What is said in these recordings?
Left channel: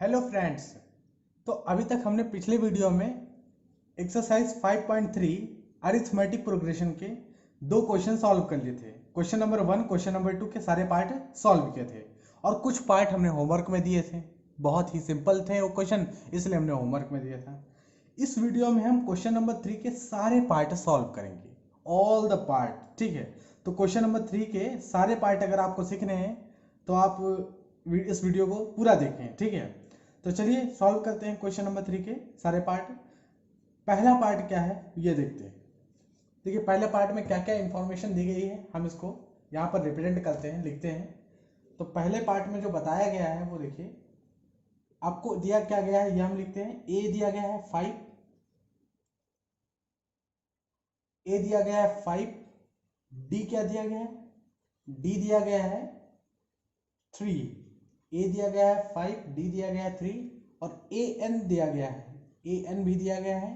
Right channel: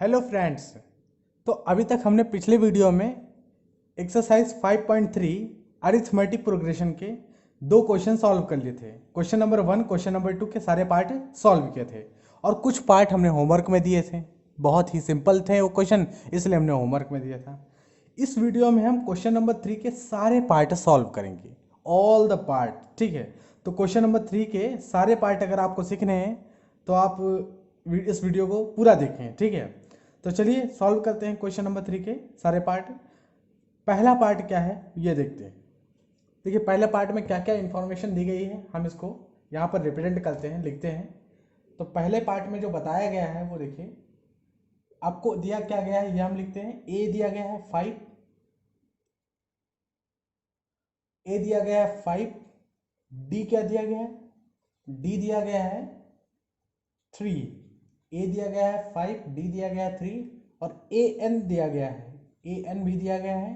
Hello friends. तो अभी तक हमने पिछले वीडियो में एक्सरसाइज 5.3 अरिथमेटिक प्रोग्रेशन के दो क्वेश्चन सॉल्व कर लिए थे। क्वेश्चन नंबर 1 क्वेश्चन नंबर 2 के सारे पार्ट सॉल्व किए थे और कुछ पार्ट हमने होमवर्क में दिए थे। बहुत ही सिंपल थे वो क्वेश्चन, इसलिए हमने होमवर्क में दिया था। इस वीडियो में हम क्वेश्चन नंबर 3 के सारे पार्ट सॉल्व करेंगे, ऑल द पार्ट। ठीक है, तो क्वेश्चन नंबर 3 के सारे पार्ट अगर आपको सीखने हैं तो आप इस वीडियो को पूरा देखें। ठीक है, तो चलिए सॉल्व करते हैं क्वेश्चन नंबर 3 के सारे पार्ट। पहला पार्ट क्या है ये देखते हैं। देखिए पहले पार्ट में क्या क्या इंफॉर्मेशन दी गई है, हम इसको यहाँ पर रिप्रेजेंट करते हैं, लिखते हैं। तो पहले पार्ट में जो बताया गया है वो देखिए, आपको दिया क्या गया है ये हम लिखते हैं। ए दिया गया है 5, ए दिया गया है 5। डी क्या दिया गया है, डी दिया गया है 3। ए दिया गया है 5, डी दिया गया है 3 और ए एन दिया गया है, ए एन भी दिया गया है।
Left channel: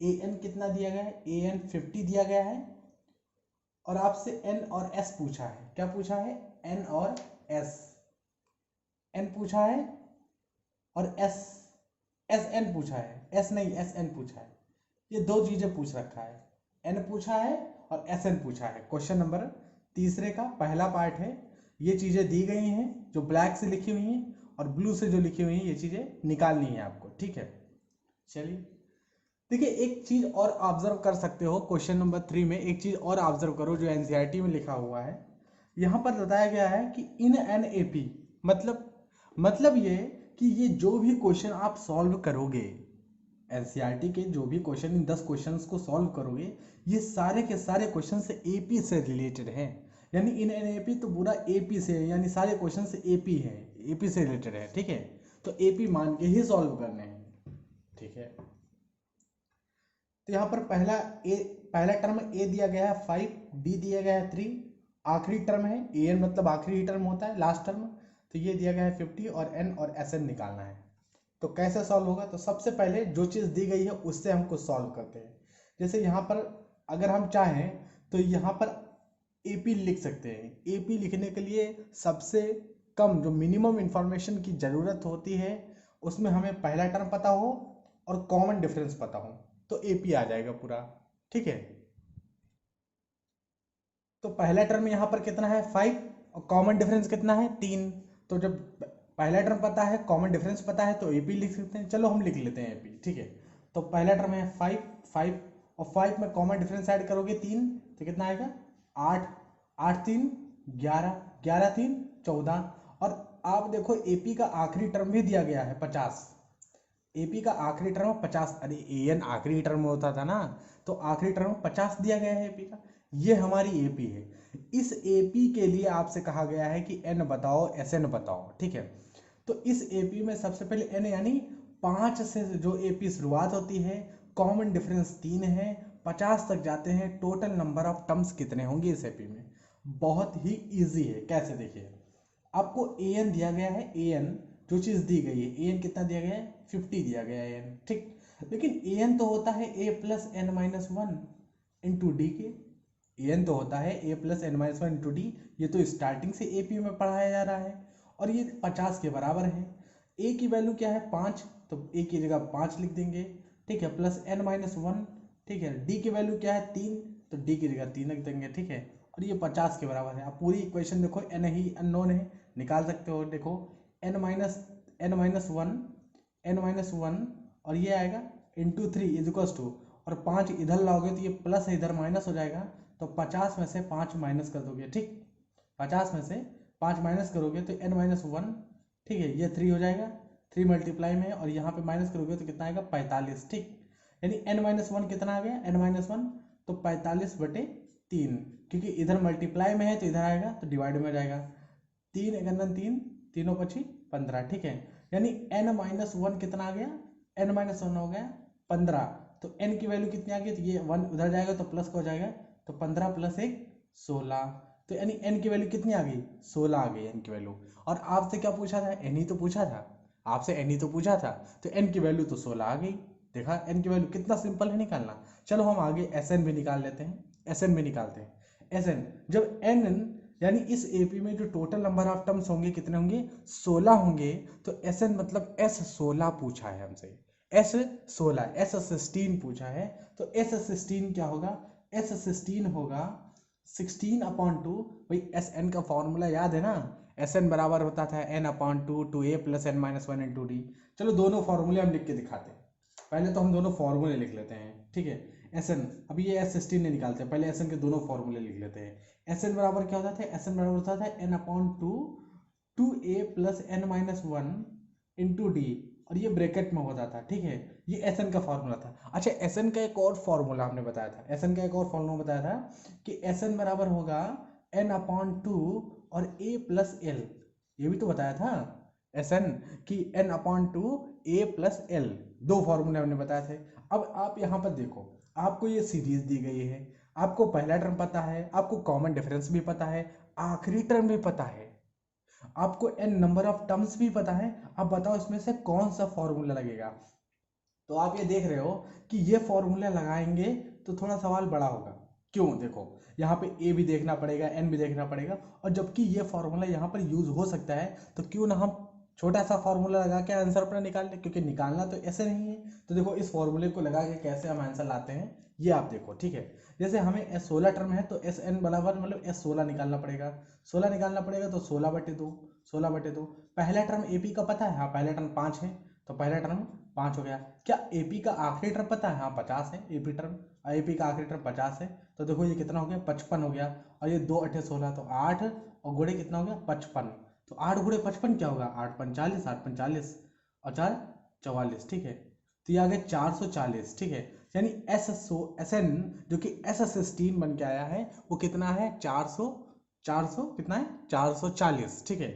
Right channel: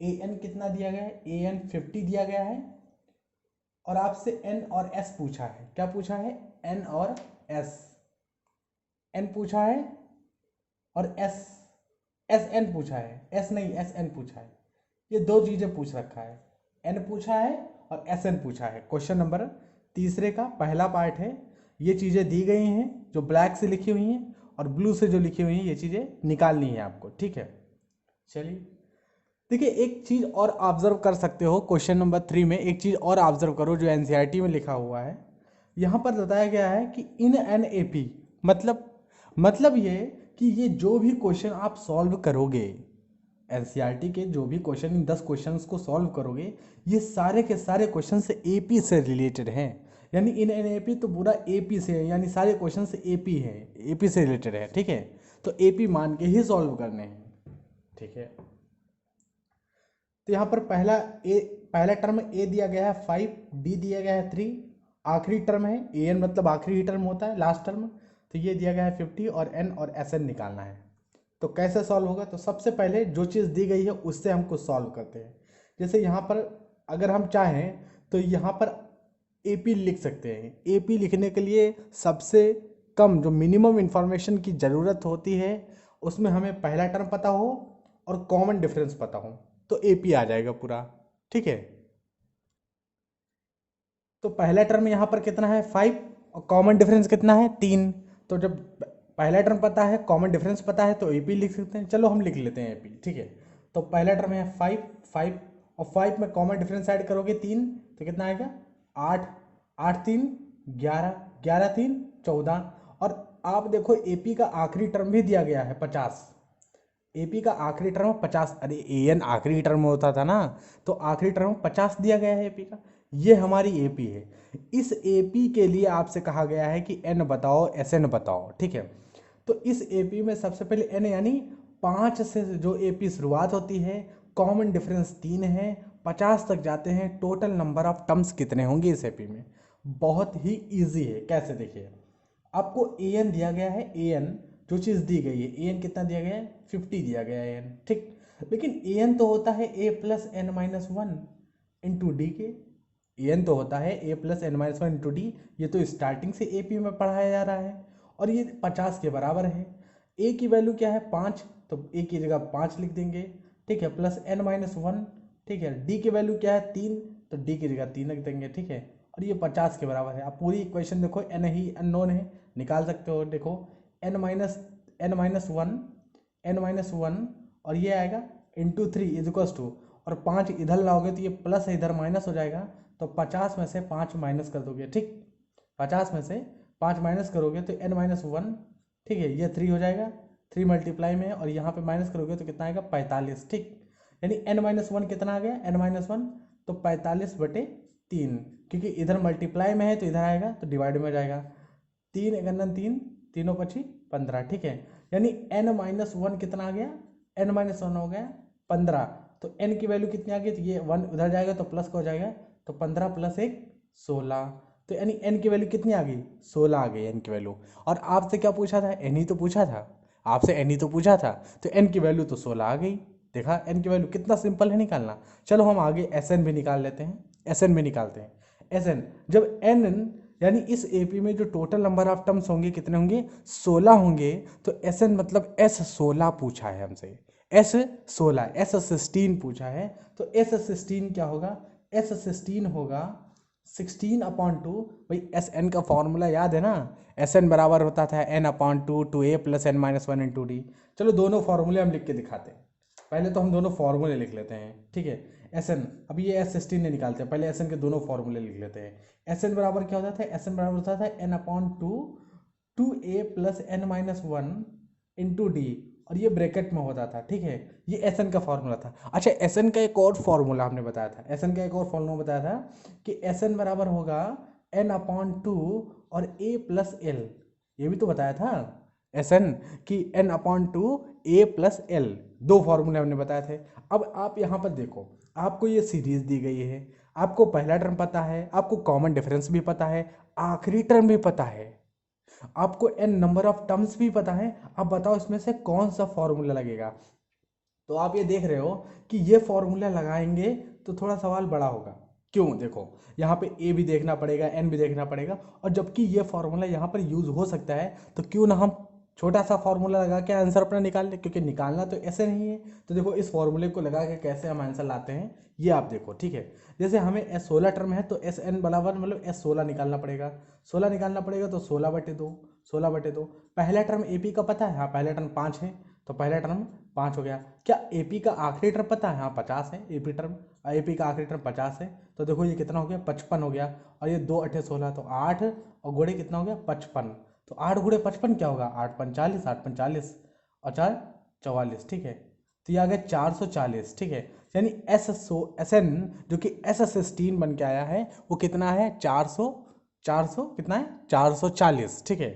ए एन कितना दिया गया है, ए एन 50 दिया गया है। और आपसे एन और एस पूछा है। क्या पूछा है, एन और एस। एन पूछा है और एस, एस एन पूछा है, एस नहीं एस एन पूछा है। ये दो चीजें पूछ रखा है, एन पूछा है और एस एन पूछा है। क्वेश्चन नंबर तीसरे का पहला पार्ट है। ये चीजें दी गई हैं जो ब्लैक से लिखी हुई हैं और ब्लू से जो लिखी हुई हैं, ये चीजें निकालनी है आपको। ठीक है, चलिए देखिए एक चीज और ऑब्जर्व कर सकते हो। क्वेश्चन नंबर 3 में एक चीज और ऑब्जर्व करो जो एनसीईआरटी में लिखा हुआ है। यहाँ पर बताया गया है कि इन एन एपी, मतलब ये कि ये जो भी क्वेश्चन आप सॉल्व करोगे, एनसीईआरटी के जो भी क्वेश्चन, इन 10 क्वेश्चंस को सॉल्व करोगे, ये सारे के सारे क्वेश्चन से एपी से रिलेटेड हैं। यानी इन एन एपी तो पूरा एपी से है, यानी सारे क्वेश्चन से एपी है, एपी से रिलेटेड है। ठीक है, तो एपी मान के ही सॉल्व करने हैं। ठीक है, तो यहाँ पर पहला टर्म ए दिया गया है 5, डी दिया गया है 3, आखिरी टर्म है ए एन, मतलब आखिरी टर्म होता है लास्ट टर्म। तो ये दिया गया है 50 और एन और एस एन निकालना है। तो कैसे सॉल्व होगा, तो सबसे पहले जो चीज़ दी गई है उससे हमको सॉल्व करते हैं। जैसे यहाँ पर अगर हम चाहें तो यहाँ पर एपी लिख सकते हैं। एपी लिखने के लिए सबसे कम जो मिनिमम इंफॉर्मेशन की ज़रूरत होती है, उसमें हमें पहला टर्म पता हो और कॉमन डिफरेंस पता हो तो एपी आ जाएगा पूरा। ठीक है, तो पहला टर्म यहाँ पर कितना है 5 और कॉमन डिफरेंस कितना है 3। तो जब पहला टर्म पता है, कॉमन डिफरेंस पता है, तो एपी लिख सकते हैं। चलो हम लिख लेते हैं एपी। ठीक है, तो पहला टर्म है 5, 5 और 5 में कॉमन डिफरेंस ऐड करोगे 3, तो कितना आएगा 8, 8 3 11, 11 3 14। और आप देखो एपी का आखिरी टर्म भी दिया गया है 50। एपी का आखिरी टर्म 50, अरे ए एन आखिरी टर्म में होता था ना, तो आखिरी टर्म 50 दिया गया है एपी का। ये हमारी एपी है। इस एपी के लिए आपसे कहा गया है कि एन बताओ, एस एन बताओ। ठीक है, तो इस एपी में सबसे पहले एन यानी 5 से जो एपी शुरुआत होती है, कॉमन डिफरेंस 3 है, 50 तक जाते हैं, टोटल नंबर ऑफ टर्म्स कितने होंगे इस एपी में। बहुत ही ईजी है। कैसे, देखिए आपको ए एन दिया गया है, ए एन जो चीज़ दी गई है, ए एन कितना दिया गया है 50 दिया गया है ए एन। ठीक, लेकिन ए एन तो होता है a plus n minus one into d के। ए एन तो होता है a plus n minus one into d. ये तो स्टार्टिंग से ए पी में पढ़ाया जा रहा है और ये 50 के बराबर है। ए की वैल्यू क्या है 5, तो ए की जगह 5 लिख देंगे। ठीक है, प्लस एन माइनस वन। ठीक है, डी की वैल्यू क्या है 3, तो डी की जगह 3 लिख देंगे। ठीक है, और ये 50 के बराबर है। आप पूरी इक्वेशन देखो, एन ही अननोन है, निकाल सकते हो। देखो n minus one, n minus one और ये आएगा इंटू 3 इज इक्वल्स टू, और 5 इधर लाओगे तो ये प्लस है, इधर माइनस हो जाएगा। तो 50 में से 5 माइनस कर दोगे। ठीक, 50 में से 5 माइनस करोगे तो एन माइनस वन। ठीक है, ये 3 हो जाएगा, 3 मल्टीप्लाई में है, और यहाँ पे माइनस करोगे तो कितना आएगा 45। ठीक, यानी एन माइनस वन कितना आ गया, एन माइनस वन तो 45/3, क्योंकि इधर मल्टीप्लाई में है तो इधर आएगा तो डिवाइड में हो जाएगा। 3 एकंदन 3, तीनों पची 15। ठीक है, यानी एन माइनस वन कितना आ गया, एन माइनस वन हो गया 15। तो एन की वैल्यू कितनी आ गई, तो ये वन उधर जाएगा तो प्लस का हो जाएगा, तो 15 प्लस 1 16। तो यानी एन की वैल्यू कितनी आ गई, 16 आ गई एन की वैल्यू। और आपसे क्या पूछा था, एन ही तो पूछा था, आपसे एन ही तो पूछा था, तो एन की वैल्यू तो 16 आ गई। देखा एन की वैल्यू कितना सिंपल है निकालना। चलो हम आगे एस एन भी निकाल लेते हैं, एस एन भी निकालते हैं। एस एन, जब एन यानी इस एपी में जो टोटल नंबर ऑफ टर्म्स होंगे कितने होंगे, 16 होंगे। तो SN मतलब S16 पूछा है हमसे, S16, S16 पूछा है। तो S16 क्या होगा, S16 होगा 16/2। भाई SN का फॉर्मूला याद है ना, SN बराबर होता था N/2 2a + n-1 × d। चलो दोनों फॉर्मूले हम लिख के दिखाते हैं। पहले तो हम दोनों फॉर्मूले लिख लेते हैं, ठीक है। SN, अभी ये S16 नहीं निकालते हैं, पहले SN के दोनों फॉर्मूले लिख लेते हैं। SN बराबर क्या होता था, SN बराबर होता था N/2 2a + n-1 × d, और ये ब्रैकेट में होता था, ठीक है। ये SN का फॉर्मूला था। अच्छा, SN का एक और फॉर्मूला हमने बताया था, SN का एक और फॉर्मूला बताया था कि SN बराबर होगा N/2 और a + l, ये भी तो बताया था SN कि N/2 a + l, दो फॉर्मूले हमने बताए थे। अब आप यहाँ पर देखो, आपको ये सीरीज दी गई है, आपको पहला टर्म पता है, आपको कॉमन डिफरेंस भी पता है, आखिरी टर्म भी पता है, आपको n नंबर ऑफ टर्म्स भी पता है। अब बताओ इसमें से कौन सा फॉर्मूला लगेगा। तो आप ये देख रहे हो कि ये फॉर्मूला लगाएंगे तो थोड़ा सवाल बड़ा होगा। क्यों, देखो यहाँ पे a भी देखना पड़ेगा, n भी देखना पड़ेगा, और जबकि ये फॉर्मूला यहाँ पर यूज हो सकता है, तो क्यों ना हम छोटा सा फॉर्मूला लगा के आंसर अपना निकाल लें, क्योंकि निकालना तो ऐसे नहीं है। तो देखो इस फॉर्मूले को लगा के कैसे हम आंसर लाते हैं, ये आप देखो, ठीक है। जैसे हमें S16 टर्म है तो SN बराबर मतलब S16 निकालना पड़ेगा, 16 निकालना पड़ेगा, तो 16/2, 16/2। पहला टर्म AP का पता है, हाँ पहला टर्म 5 है, तो पहला टर्म 5 हो गया। क्या AP का आखिरी टर्म पता है, हाँ 50 है AP टर्म, और AP का आखिरी टर्म 50 है। तो देखो ये कितना हो गया, 55 हो गया, और ये 2 8 16, तो 8 और गुणे कितना हो गया, 55। तो 8 गुणे 55 क्या होगा, 8 45, 8 45 और 4 44, ठीक है। तो ये आ गया 440, ठीक है। यानी SN जो कि S16 बन के आया है, वो कितना है, 400 कितना है, 440, ठीक है।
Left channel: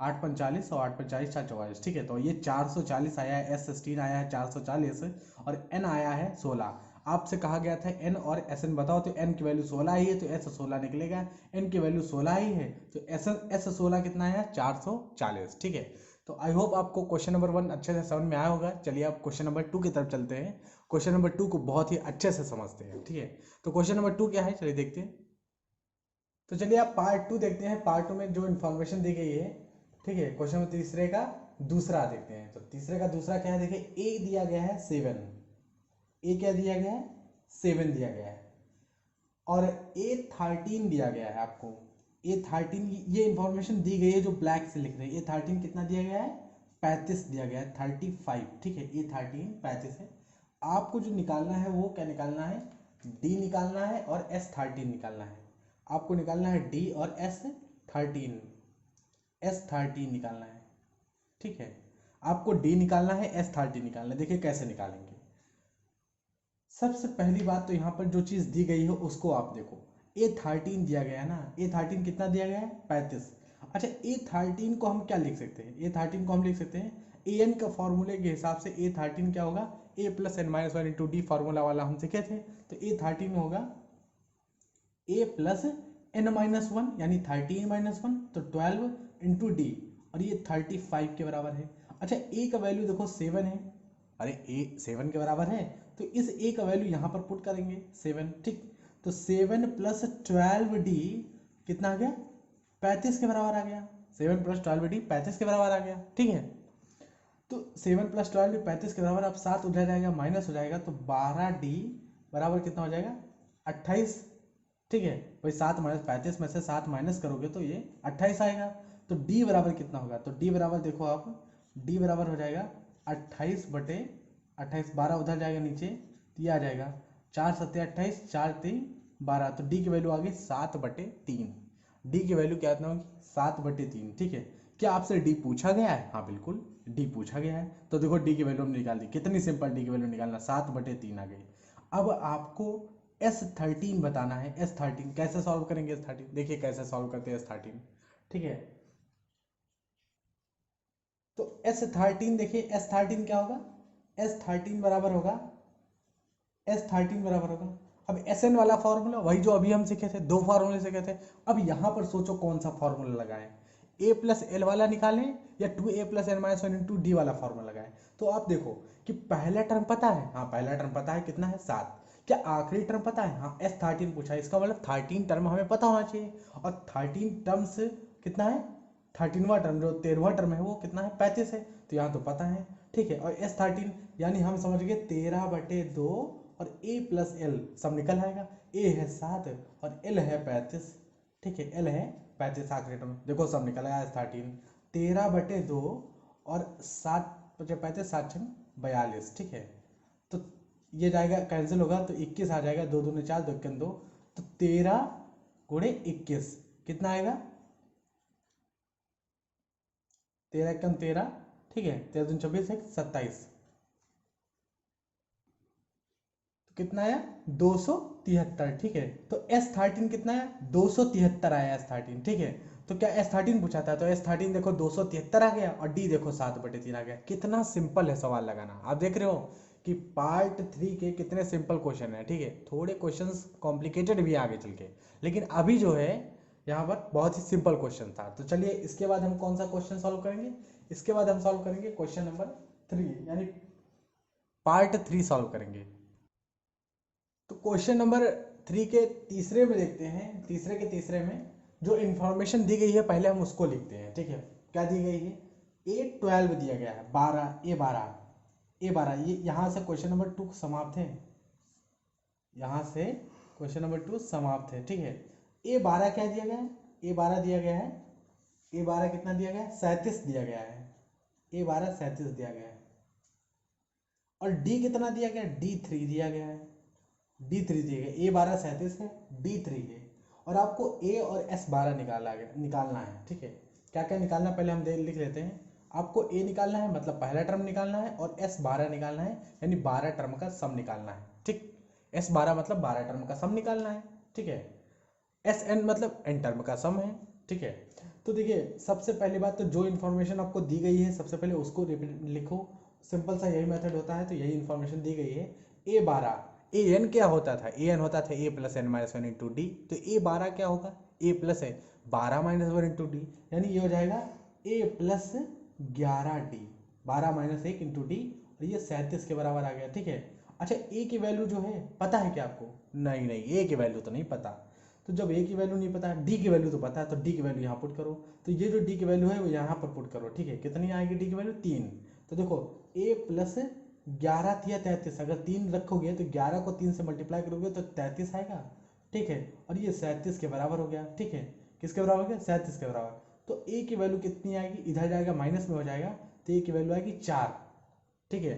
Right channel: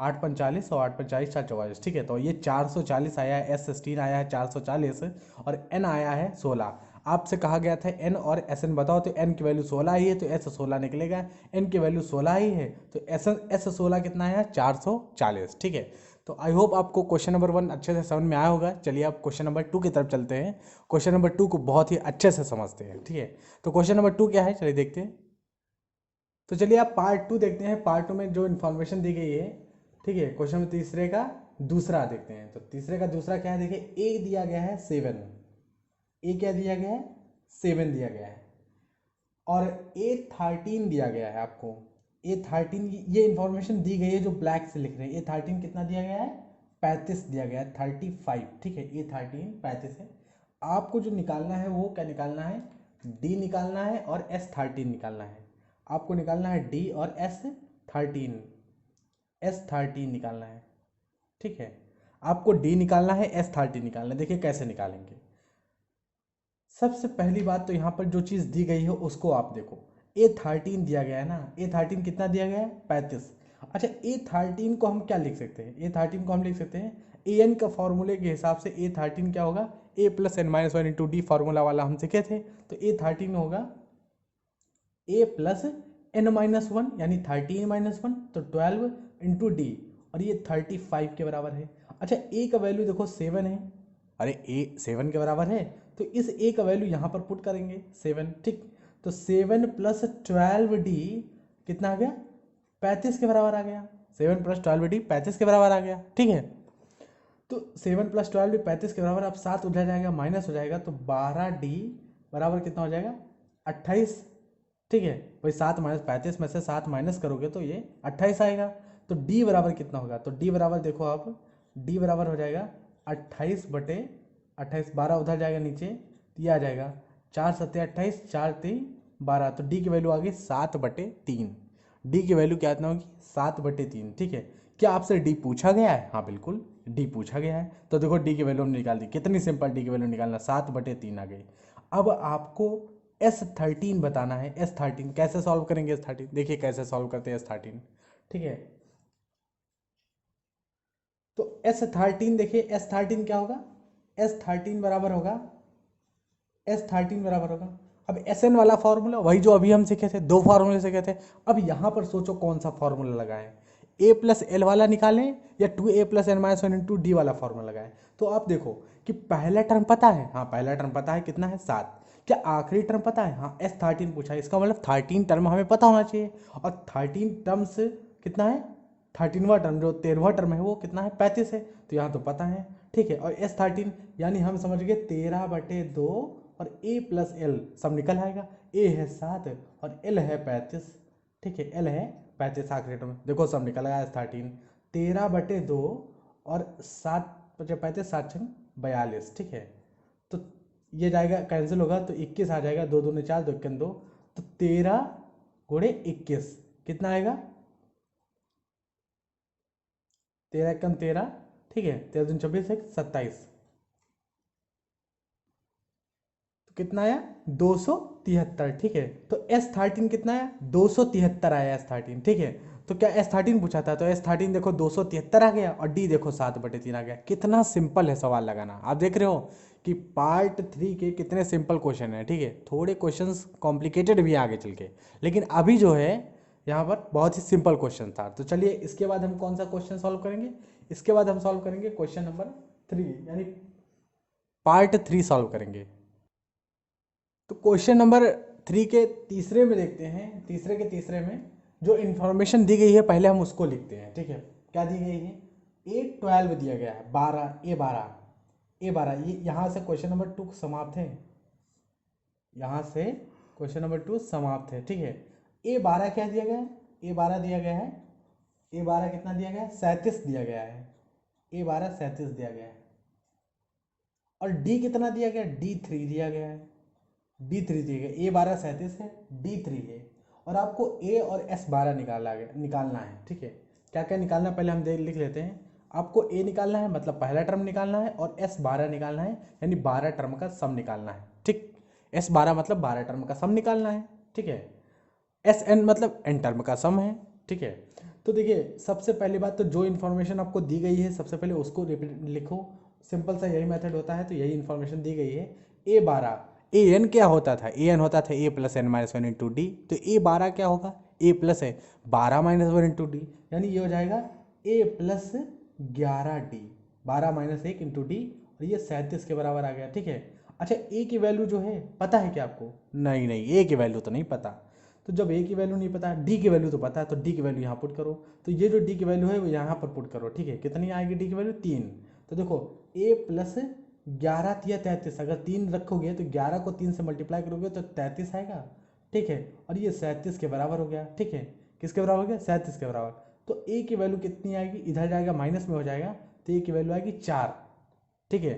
8 45 और 8 45 4 44, ठीक है। तो ये 440 आया है, S16 आया है 440, और N आया है 16। आपसे कहा गया था N और SN बताओ, तो N की वैल्यू 16 ही है तो S16 निकलेगा, N की वैल्यू 16 ही है तो S16 कितना है, 440, ठीक है। तो आई होप आपको क्वेश्चन नंबर 1 अच्छे से समझ में आया होगा। चलिए आप क्वेश्चन नंबर 2 की तरफ चलते हैं। क्वेश्चन नंबर 2 को बहुत ही अच्छे से समझते हैं, ठीक है। तो क्वेश्चन नंबर 2 क्या है, चलिए देखते हैं। तो चलिए आप पार्ट 2 देखते हैं। पार्ट 2 में जो इन्फॉर्मेशन दी गई है, ठीक है। क्वेश्चन में तीसरे का दूसरा देखते हैं। तो तीसरे का दूसरा क्या है, देखिए ए दिया गया है 7, ए क्या दिया गया है, 7 दिया गया है, और A13 दिया गया है आपको। A13 ये इंफॉर्मेशन दी गई है जो ब्लैक से लिख रहे हैं। A13 कितना दिया गया है, 35 दिया गया है, 35, ठीक है। A13 35 है। आपको जो निकालना है वो क्या निकालना है, D निकालना है और S13 निकालना है। आपको निकालना है D और S13 निकालना है, ठीक है। आपको D निकालना है, S13 निकालना है। देखिए कैसे निकालेंगे। सबसे पहली बात तो यहाँ पर जो चीज़ दी गई है उसको आप देखो। A13 दिया गया है ना, A13 कितना दिया गया है, 35। अच्छा, A13 को हम क्या लिख सकते हैं, A13 को हम लिख सकते हैं AN का फॉर्मूले के हिसाब से। A13 क्या होगा, A + n-1 × d फार्मूला वाला हम सीखे थे। तो A13 होगा A + n-1 यानी 13-1, तो 12 × d, और ये 35 के बराबर है। अच्छा, A का वैल्यू देखो 7 है, अरे A 7 के बराबर है, तो इस A का वैल्यू यहाँ पर पुट करेंगे 7, ठीक। तो 7 + 12d कितना आ गया, 35 के बराबर आ गया। 7 + 12d 35 के बराबर आ गया, ठीक है। तो 7 + 12d 35 के बराबर, अब 7 उधर जाएगा माइनस हो जाएगा, तो 12d बराबर कितना हो जाएगा, 28, ठीक है। भाई 7 - 35 में से 7 माइनस करोगे तो ये 28 आएगा। तो d बराबर कितना होगा, तो d बराबर देखो आप, d बराबर हो जाएगा 28/28, 12 उधर जाएगा नीचे, तो ये आ जाएगा 4 × 7 = 28, 4 × 3 = 12, तो d की वैल्यू आ गई 7/3। d की वैल्यू क्या इतना होगी, 7/3, ठीक है। क्या आपसे d पूछा गया है, हाँ बिल्कुल d पूछा गया है। तो देखो d की वैल्यू हमने निकाल दी, कितनी सिंपल d की वैल्यू निकालना, 7/3 आ गई। अब आपको S13 बताना है। S13 कैसे सॉल्व करेंगे, S13 देखिए कैसे सॉल्व करते हैं S13, ठीक है। तो S13 देखिए, S13 क्या होगा, S13 बराबर होगा, S13 बराबर होगा, अब SN वाला फॉर्मूला वही जो अभी हम सीखे थे, दो फार्मूले सीखे थे। अब यहाँ पर सोचो कौन सा फॉर्मूला लगाएं, A + L वाला निकालें या 2a + n-1 × d वाला फॉर्मूला लगाएं। तो आप देखो कि पहला टर्म पता है, हाँ पहला टर्म पता है, कितना है 7, क्या आखिरी टर्म पता है? हाँ, S13 पूछा है, इसका मतलब 13 टर्म हमें पता होना चाहिए। और 13 टर्म से कितना है? 13वां टर्म, जो 13वां टर्म है वो कितना है? 35 है, तो यहाँ तो पता है। ठीक है, और S13 यानी हम समझ गए 13/2 और A + L सब निकल आएगा। A है 7 और L है 35। ठीक है, L है 35 आखिरी टर्म, देखो सब निकल आया। S13 13/2 और 7 35 7 42। ठीक है, तो ये जाएगा कैंसिल होगा तो 21 आ जाएगा, 2 दूनी 4, 2 1 2, तो 13 × 21 कितना आएगा? 13 1 13, ठीक है, 13 दूनी 24, 1 27, तो कितना आया? 273। ठीक है, तो S13 कितना आया? 273 आया S13। ठीक है, तो क्या S13 पूछा था, तो S13 देखो 273 आ गया, और D देखो 7/3 आ गया। कितना सिंपल है सवाल लगाना, आप देख रहे हो कि पार्ट 3 के कितने सिंपल क्वेश्चन है। ठीक है, थोड़े क्वेश्चंस कॉम्प्लिकेटेड भी है आगे चल के, लेकिन अभी जो है यहाँ पर बहुत ही सिंपल क्वेश्चन था। तो चलिए इसके बाद हम कौन सा क्वेश्चन सॉल्व करेंगे? इसके बाद हम सॉल्व करेंगे क्वेश्चन नंबर 3, यानी पार्ट 3 सॉल्व करेंगे। तो क्वेश्चन नंबर 3 के तीसरे में देखते हैं। तीसरे के तीसरे में जो इन्फॉर्मेशन दी गई है पहले हम उसको लिखते हैं। ठीक है, क्या दी गई है? A12 दिया गया है, 12 A12 ये यहाँ से क्वेश्चन नंबर 2 समाप्त है। यहाँ से क्वेश्चन नंबर 2 समाप्त है। ठीक है, A12 क्या दिया गया है? A12 दिया गया है, A12 कितना दिया गया है? 37 दिया गया है। A12 37 दिया गया है। और D कितना दिया गया है? D3 दिया गया है। D3 दिया गया, A12 37 है, D3 है, और आपको A और S12 निकालना है। ठीक है, क्या क्या निकालना है पहले हम लिख लेते हैं। आपको A निकालना है, मतलब पहला टर्म निकालना है, और S12 निकालना है, यानी 12 टर्म का सम निकालना है। ठीक, S12 मतलब 12 टर्म का सम निकालना है। ठीक है, SN मतलब n टर्म का सम है। ठीक है, तो देखिए सबसे पहली बात तो जो इन्फॉर्मेशन आपको दी गई है सबसे पहले उसको लिखो। सिंपल सा यही मेथड होता है, तो यही इन्फॉर्मेशन दी गई है। A12 AN क्या होता था? AN होता था A + n - 1 × D, तो A12 क्या होगा? A + है 12 - 1 × D, यानी ये हो जाएगा A + 11D, 12 - 1 × D, और ये 37 के बराबर आ गया। ठीक है, अच्छा A की वैल्यू जो है पता है क्या आपको? नहीं नहीं, A की वैल्यू तो नहीं पता। तो जब A की वैल्यू नहीं पता, D की वैल्यू तो पता है, तो D की वैल्यू यहाँ पुट करो। तो ये जो D की वैल्यू है वो यहाँ पर पुट करो। ठीक है, कितनी आएगी D की वैल्यू? 3। तो देखो A + 11 या 33, अगर 3 रखोगे तो 11 को 3 से मल्टीप्लाई करोगे तो 33 आएगा। ठीक है, और ये 37 के बराबर हो गया। ठीक है, किसके बराबर हो गया? 37 के बराबर। तो A की वैल्यू कितनी आएगी? इधर जाएगा माइनस में हो जाएगा, तो A की वैल्यू आएगी 4। ठीक है,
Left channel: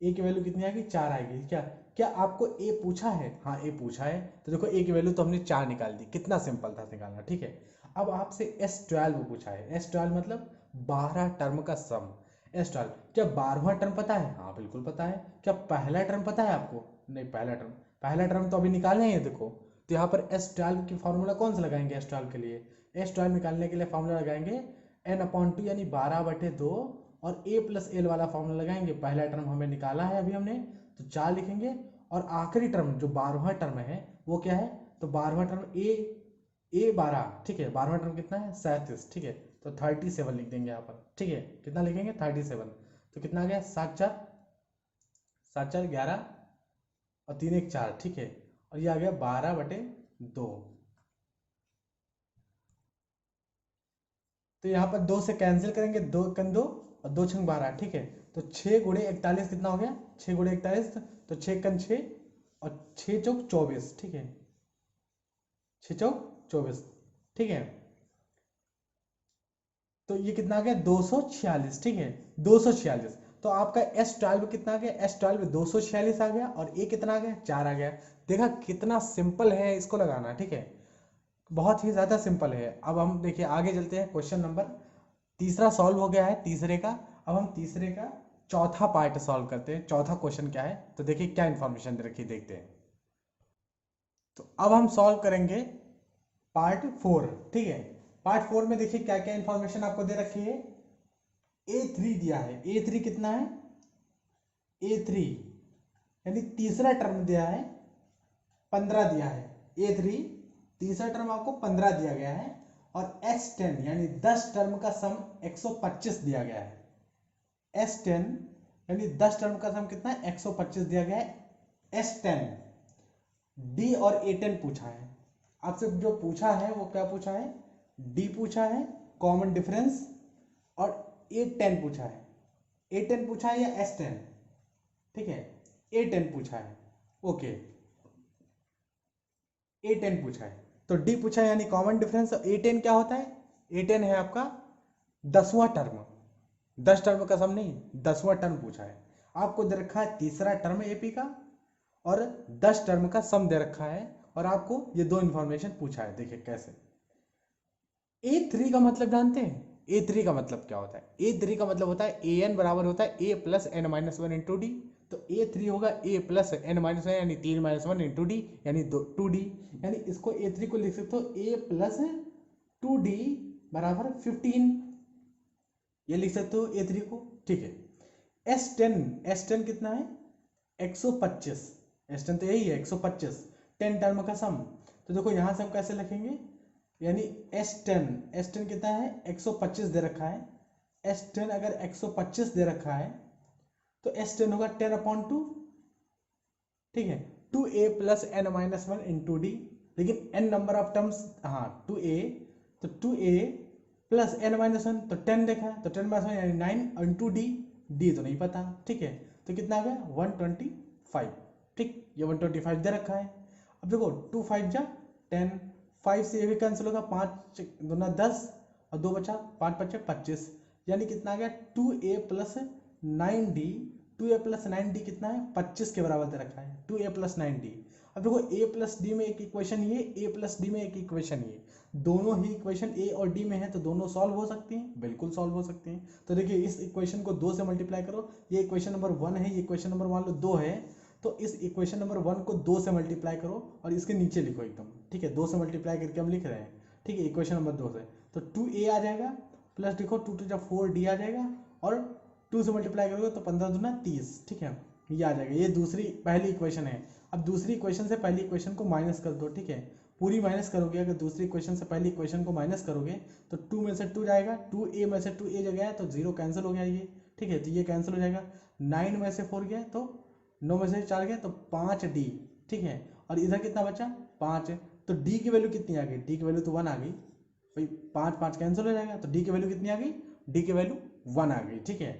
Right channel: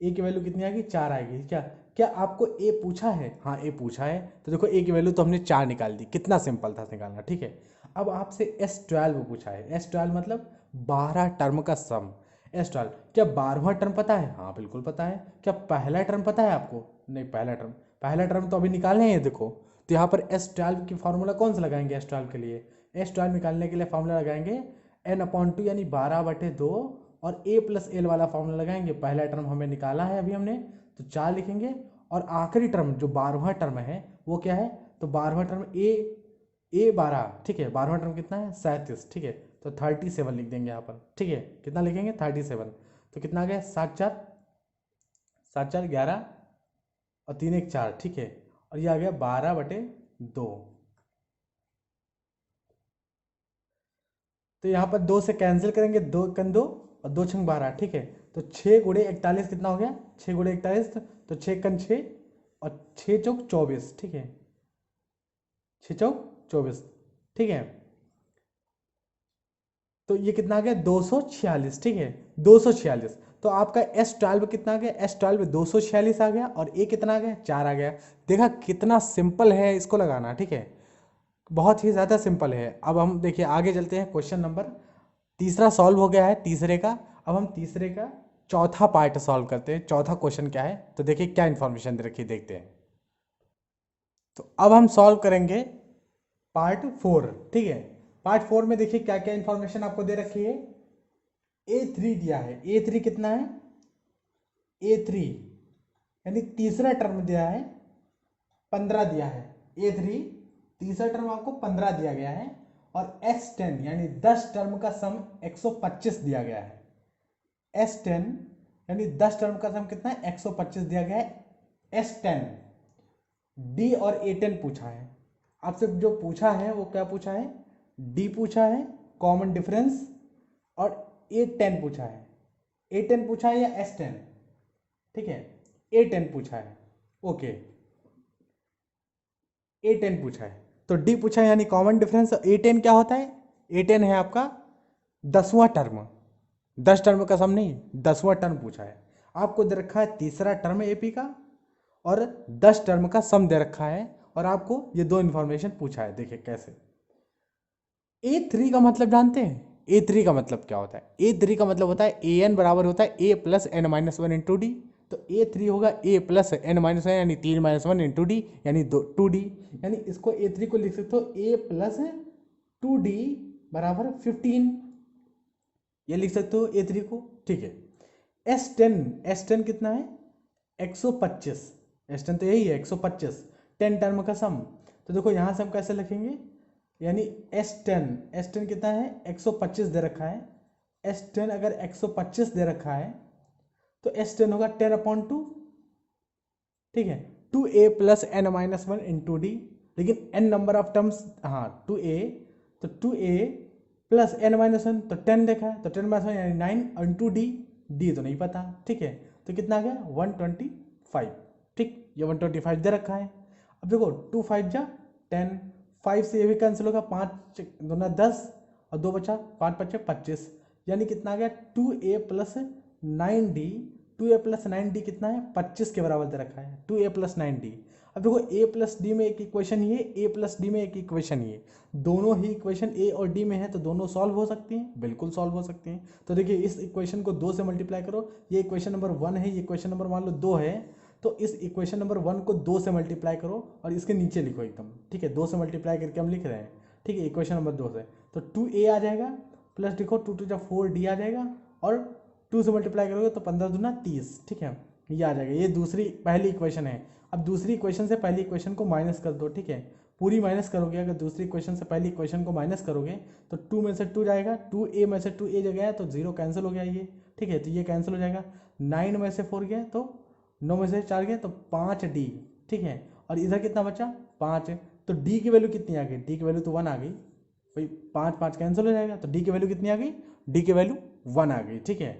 ए की वैल्यू कितनी आएगी? 4 आएगी। क्या क्या आपको ए पूछा है? हाँ, ए पूछा है, तो देखो ए की वैल्यू तो हमने 4 निकाल दी। कितना सिंपल था निकालना। ठीक है, अब आपसे S12 पूछा है। S12 मतलब 12 टर्म का सम। S12 क्या 12वां टर्म पता है? हाँ बिल्कुल पता है। क्या पहला टर्म पता है आपको? नहीं, पहला टर्म तो अभी निकालने हैं। देखो, तो यहाँ पर S12 की फॉर्मूला कौन सा लगाएंगे? S12 के लिए S12 निकालने के लिए फॉर्मूला लगाएंगे n/2, यानी 12/2, और A + L वाला फॉर्मूला लगाएंगे। पहला टर्म हमें निकाला है अभी हमने, तो 4 लिखेंगे, और आखिरी टर्म जो 12वां टर्म है वो क्या है? तो 12वां टर्म A12। ठीक है, 12वां टर्म कितना है? 37। ठीक है, तो 37 लिख देंगे यहाँ पर। ठीक है, कितना लिखेंगे? 37। तो कितना आ गया? 7 4 7 4 11, और 3 1 4। ठीक है, और ये आ गया 12/2। तो यहाँ पर 2 से कैंसिल करेंगे, 2 कन 2, और 2 छंग 12। ठीक है, तो 6 × 41 कितना हो गया? 6 × 41, तो 6 कन 6, और 6 चौक 24। ठीक है, 6 चौक 24। ठीक है, तो ये कितना आ गया? 246। ठीक है, 246। तो आपका S12 कितना आ गया? S12 246 आ गया, और A कितना आ गया? 4 आ गया। देखा कितना सिंपल है इसको लगाना। ठीक है, बहुत ही ज़्यादा सिंपल है। अब हम देखिए आगे चलते हैं। क्वेश्चन नंबर तीसरा सॉल्व हो गया है तीसरे का। अब हम तीसरे का चौथा पार्ट सॉल्व करते हैं। चौथा क्वेश्चन क्या है, तो देखिए क्या इन्फॉर्मेशन दे रखी है, देखते हैं। तो अब हम सॉल्व करेंगे पार्ट 4। ठीक है, पार्ट 4 में देखिए क्या क्या इन्फॉर्मेशन आपको दे रखी है। A3 दिया है। A3 कितना है? A3 यानी तीसरा टर्म दिया है, 15 दिया है। A3 तीसरा टर्म आपको 15 दिया गया है, और S10 यानी 10 टर्म का सम 125 दिया गया है। S10 यानी 10 टर्म का सम कितना है? 125 दिया गया है S10, D और A10 पूछा है आपसे। जो पूछा है वो क्या पूछा है, D पूछा है कॉमन डिफरेंस, और A10 पूछा है। A10 पूछा है या S10, ठीक है, A10 पूछा है, ओके, A10 पूछा है। तो D पूछा है यानी कॉमन डिफरेंस। A10 क्या होता है, A10 है आपका 10वां टर्म, 10 टर्म का सम नहीं, 10वां टर्म पूछा है। आपको दे रखा है तीसरा टर्म एपी का और 10 टर्म का सम दे रखा है, और आपको ये दो इंफॉर्मेशन पूछा है। देखिए कैसे, A3 का मतलब जानते हैं, A3 का मतलब क्या होता है, A3 का मतलब होता है AN बराबर होता है A plus n minus one into d. तो A3 होगा A plus n minus one यानी 3 माइनस वन इंटू डी यानी 2D, यानी इसको A3 को लिख सकते हो A प्लस 2D बराबर 15, ये लिख सकते हो A3 को, ठीक है। S10 कितना है 125, S10 तो यही है 125, 10 टर्म का सम। तो देखो यहाँ से हम कैसे लिखेंगे, यानी S10 कितना है 125 दे रखा है। S10 अगर 125 दे रखा है तो S10 होगा 10/2, ठीक है, 2A plus n minus one into d. लेकिन n नंबर ऑफ टर्म्स, हाँ 2A, तो 2A plus n minus one, तो 10 देखा है, तो 10 माइनस वन यानी 9 इंटू डी, डी तो नहीं पता, ठीक है। तो कितना आ गया 125, ठीक, ये 125 दे रखा है। अब देखो 2 5 जा 10, 5 से ये भी कैंसिल होगा, 5 दूना 10 और 2 बचा, 5 बचे 25, यानी कितना आ गया 2A plus 9D। 2A plus 9D कितना है 25 के बराबर दे रखा है, 2A प्लस 9D। अब देखो A प्लस डी में एक इक्वेशन ये, A प्लस डी में एक इक्वेशन ये, दोनों ही इक्वेशन A और D में है, तो दोनों सॉल्व हो सकती हैं, बिल्कुल सॉल्व हो सकती हैं। तो देखिए इस इक्वेशन को 2 से मल्टीप्लाई करो, ये इक्वेशन नंबर 1 है, ये इक्वेशन नंबर मान लो 2 है, तो इस इक्वेशन नंबर 1 को 2 से मल्टीप्लाई करो और इसके नीचे लिखो एकदम, ठीक है, 2 से मल्टीप्लाई करके हम लिख रहे हैं, ठीक है, इक्वेशन नंबर 2 से। तो 2A आ जाएगा प्लस देखो 2 2 4D आ जाएगा, और 2 से मल्टीप्लाई करोगे तो 15 दूना 30, ठीक है, ये आ जाएगा। ये दूसरी पहली इक्वेशन है। अब दूसरी इक्वेशन से पहली इक्वेशन को माइनस कर दो, ठीक है, पूरी माइनस करोगे, अगर दूसरी इक्वेशन से पहली इक्वेशन को माइनस करोगे तो 2 में से 2 जाएगा, 2A में से 2A जो गया तो 0 कैंसिल हो गया ये, ठीक है, तो ये कैंसिल हो जाएगा। 9 में से 4 गया तो 9 में से 4 गया तो 5D, ठीक है, और इधर कितना बचा 5, तो D की वैल्यू कितनी आ गई, D की वैल्यू तो 1 आ गई भाई, 5 5 कैंसिल हो जाएगा, तो D की वैल्यू कितनी आ गई, D की वैल्यू 1 आ गई, ठीक है,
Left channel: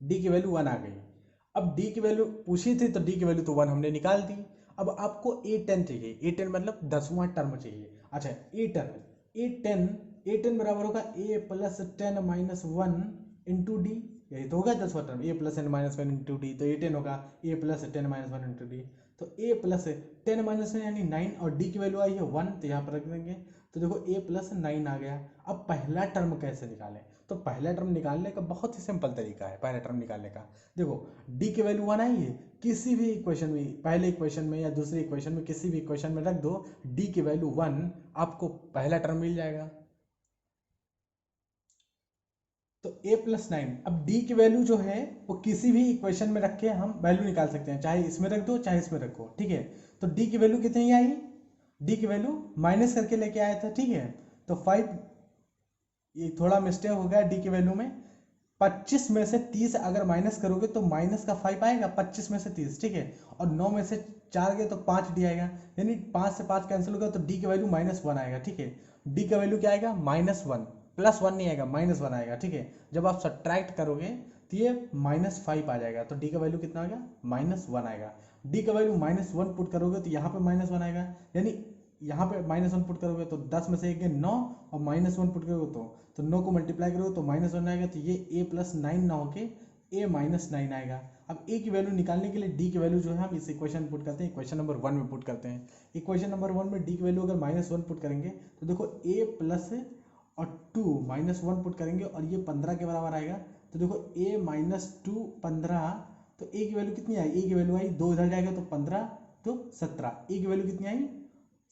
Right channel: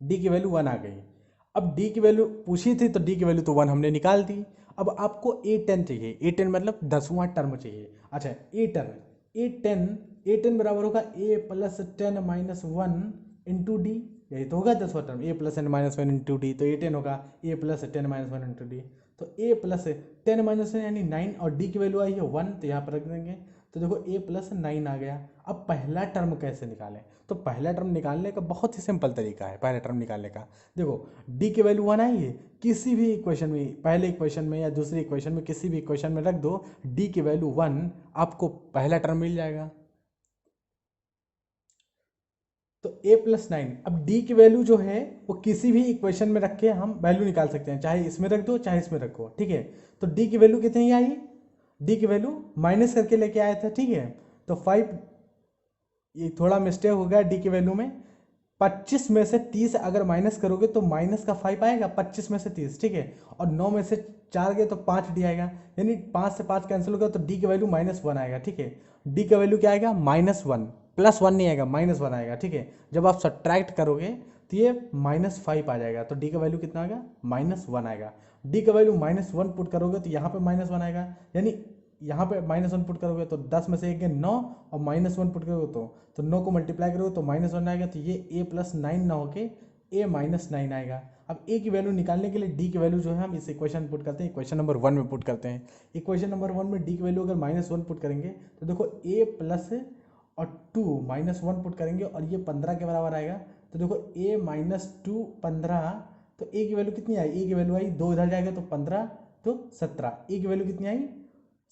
D की वैल्यू 1 आ गई। अब D की वैल्यू पूछी थी तो D की वैल्यू तो 1 हमने निकाल दी। अब आपको A10 चाहिए, A10 मतलब 10वां टर्म चाहिए। अच्छा A10 बराबर होगा A plus 10 minus one into d, यही तो होगा 10वां term, A plus 10 minus one into d, तो A10 होगा A plus 10 minus one into d. तो A प्लस 10 माइनस वन यानी 9, और D की वैल्यू आई है 1, तो यहाँ पर रख देंगे। तो देखो A प्लस 9 आ गया। अब पहला टर्म कैसे निकालें, तो पहला टर्म निकालने का बहुत ही सिंपल तरीका है। पहला टर्म निकालने का देखो, D की वैल्यू 1 आई है, किसी भी इक्वेशन में, पहले इक्वेशन में या दूसरी इक्वेशन में, किसी भी इक्वेशन में रख दो D की वैल्यू 1, आपको पहला टर्म मिल जाएगा। तो A प्लस 9, अब D की वैल्यू जो है वो किसी भी इक्वेशन में रख के हम वैल्यू निकाल सकते हैं, चाहे इसमें रख दो चाहे इसमें रखो, ठीक है। तो D की वैल्यू कितनी आई, D की वैल्यू माइनस करके लेके आया था, ठीक है, तो 5, ये थोड़ा मिस्टेक हो गया D की वैल्यू में, 25 में से 30 अगर माइनस करोगे तो माइनस का 5 आएगा, 25 में से 30, ठीक है, और 9 में से 4 गए तो 5D आएगा, यानी 5 से 5 कैंसिल होगा तो D की वैल्यू -1 आएगा, ठीक है। D का वैल्यू क्या आएगा -1, +1 नहीं आएगा, -1 आएगा, ठीक है। जब आप सब्ट्रैक्ट करोगे तो ये -5 आ जाएगा, तो D का वैल्यू कितना आएगा -1 आएगा। D का वैल्यू -1 पुट करोगे तो यहाँ पे -1 आएगा, यानी यहाँ पे -1 पुट करोगे तो 10 में से 1 9, और -1 पुट करोगे तो 9 को मल्टीप्लाई करोगे तो -1 आएगा, तो ये A प्लस 9 ना होके A माइनस 9 आएगा। अब A की वैल्यू निकालने के लिए D की वैल्यू जो है हम इस इक्वेशन पुट करते हैं, इक्वेशन नंबर 1 में पुट करते हैं। इक्वेशन नंबर 1 में D की वैल्यू अगर -1 पुट करेंगे तो देखो A प्लस और 2 -1 पुट करेंगे और ये 15 के बराबर आएगा, तो देखो A माइनस 2 15, तो A की वैल्यू कितनी आई, A की वैल्यू आई 2 इधर जाएगा तो 15 तो 17, A की वैल्यू कितनी आई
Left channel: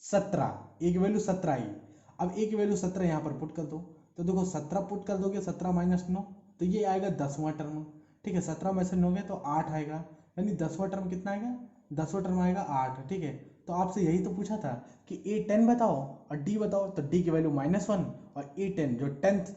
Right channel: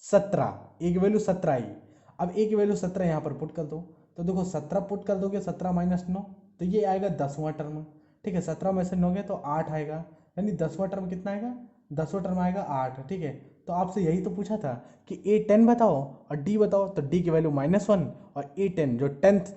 17, A की वैल्यू 17 आई। अब A की वैल्यू 17 यहाँ पर पुट कर दो, तो देखो 17 पुट कर दोगे, 17 माइनस 9, तो ये आएगा 10वां टर्म, ठीक है, 17 में से 9 गए तो 8 आएगा, यानी 10वां टर्म कितना आएगा, 10वां टर्म आएगा 8, ठीक है। तो आपसे यही तो पूछा था कि A10 बताओ और D बताओ, तो D की वैल्यू -1 और A10 जो 10th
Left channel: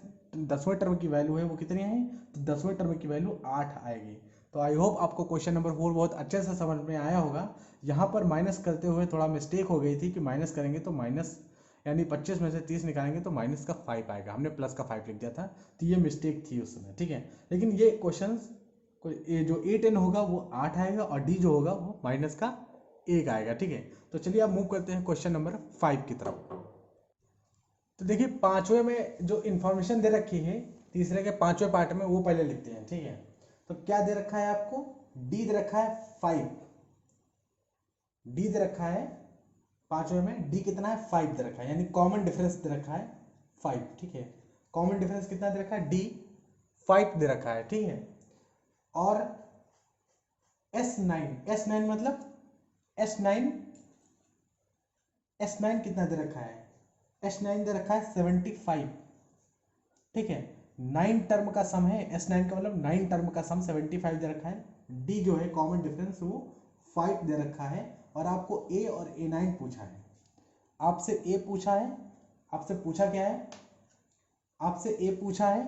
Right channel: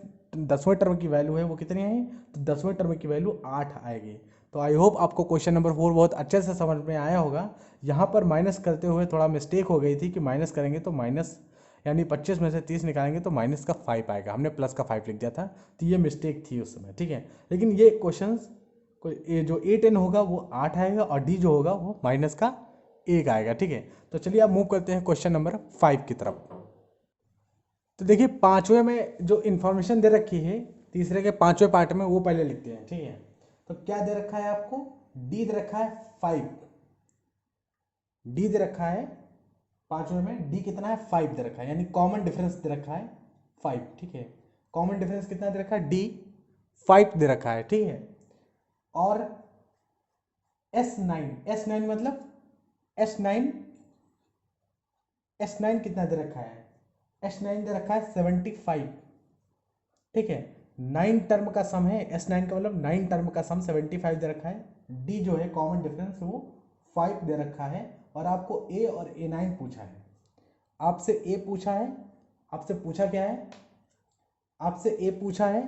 10वें टर्म की वैल्यू है वो कितनी आई, तो 10वें टर्म की वैल्यू 8 आएगी। तो आई होप आपको क्वेश्चन नंबर 4 बहुत अच्छे से समझ में आया होगा। यहाँ पर माइनस करते हुए थोड़ा मिस्टेक हो गई थी कि माइनस करेंगे तो माइनस यानी 25 में से 30 निकालेंगे तो माइनस का 5 आएगा, हमने प्लस का 5 लिख दिया था, तो ये मिस्टेक थी उस समय, ठीक है। लेकिन ये क्वेश्चन ये जो A10 होगा वो 8 आएगा और D जो होगा वो माइनस का 1 आएगा, ठीक है। तो चलिए आप मूव करते हैं क्वेश्चन नंबर 5 की तरफ। तो देखिए पांचवें में जो इन्फॉर्मेशन दे रखी है तीसरे के पांचवें पार्ट में वो पहले लिखते हैं, ठीक है। तो क्या दे रखा है आपको, डी दे रखा है 5, डी दे रखा है पांचवें में, डी कितना है 5 दे रखा है, यानी कॉमन डिफरेंस दे रखा है 5, ठीक है। कॉमन डिफरेंस कितना दे रखा है, डी 5 दे रखा है, ठीक है। और S9 मतलब S9 कितना दे रखा है, S9 दे रखा है 75, ठीक है। 9 टर्म का सम है, S9 का मतलब 9 टर्म का सम 75 दे रखा है। D जो है कॉमन डिफरेंस वो 5 दे रखा है। और आपको A और A9 पूछा है, आपसे A पूछा है, आपसे पूछा क्या है, आपसे A पूछा है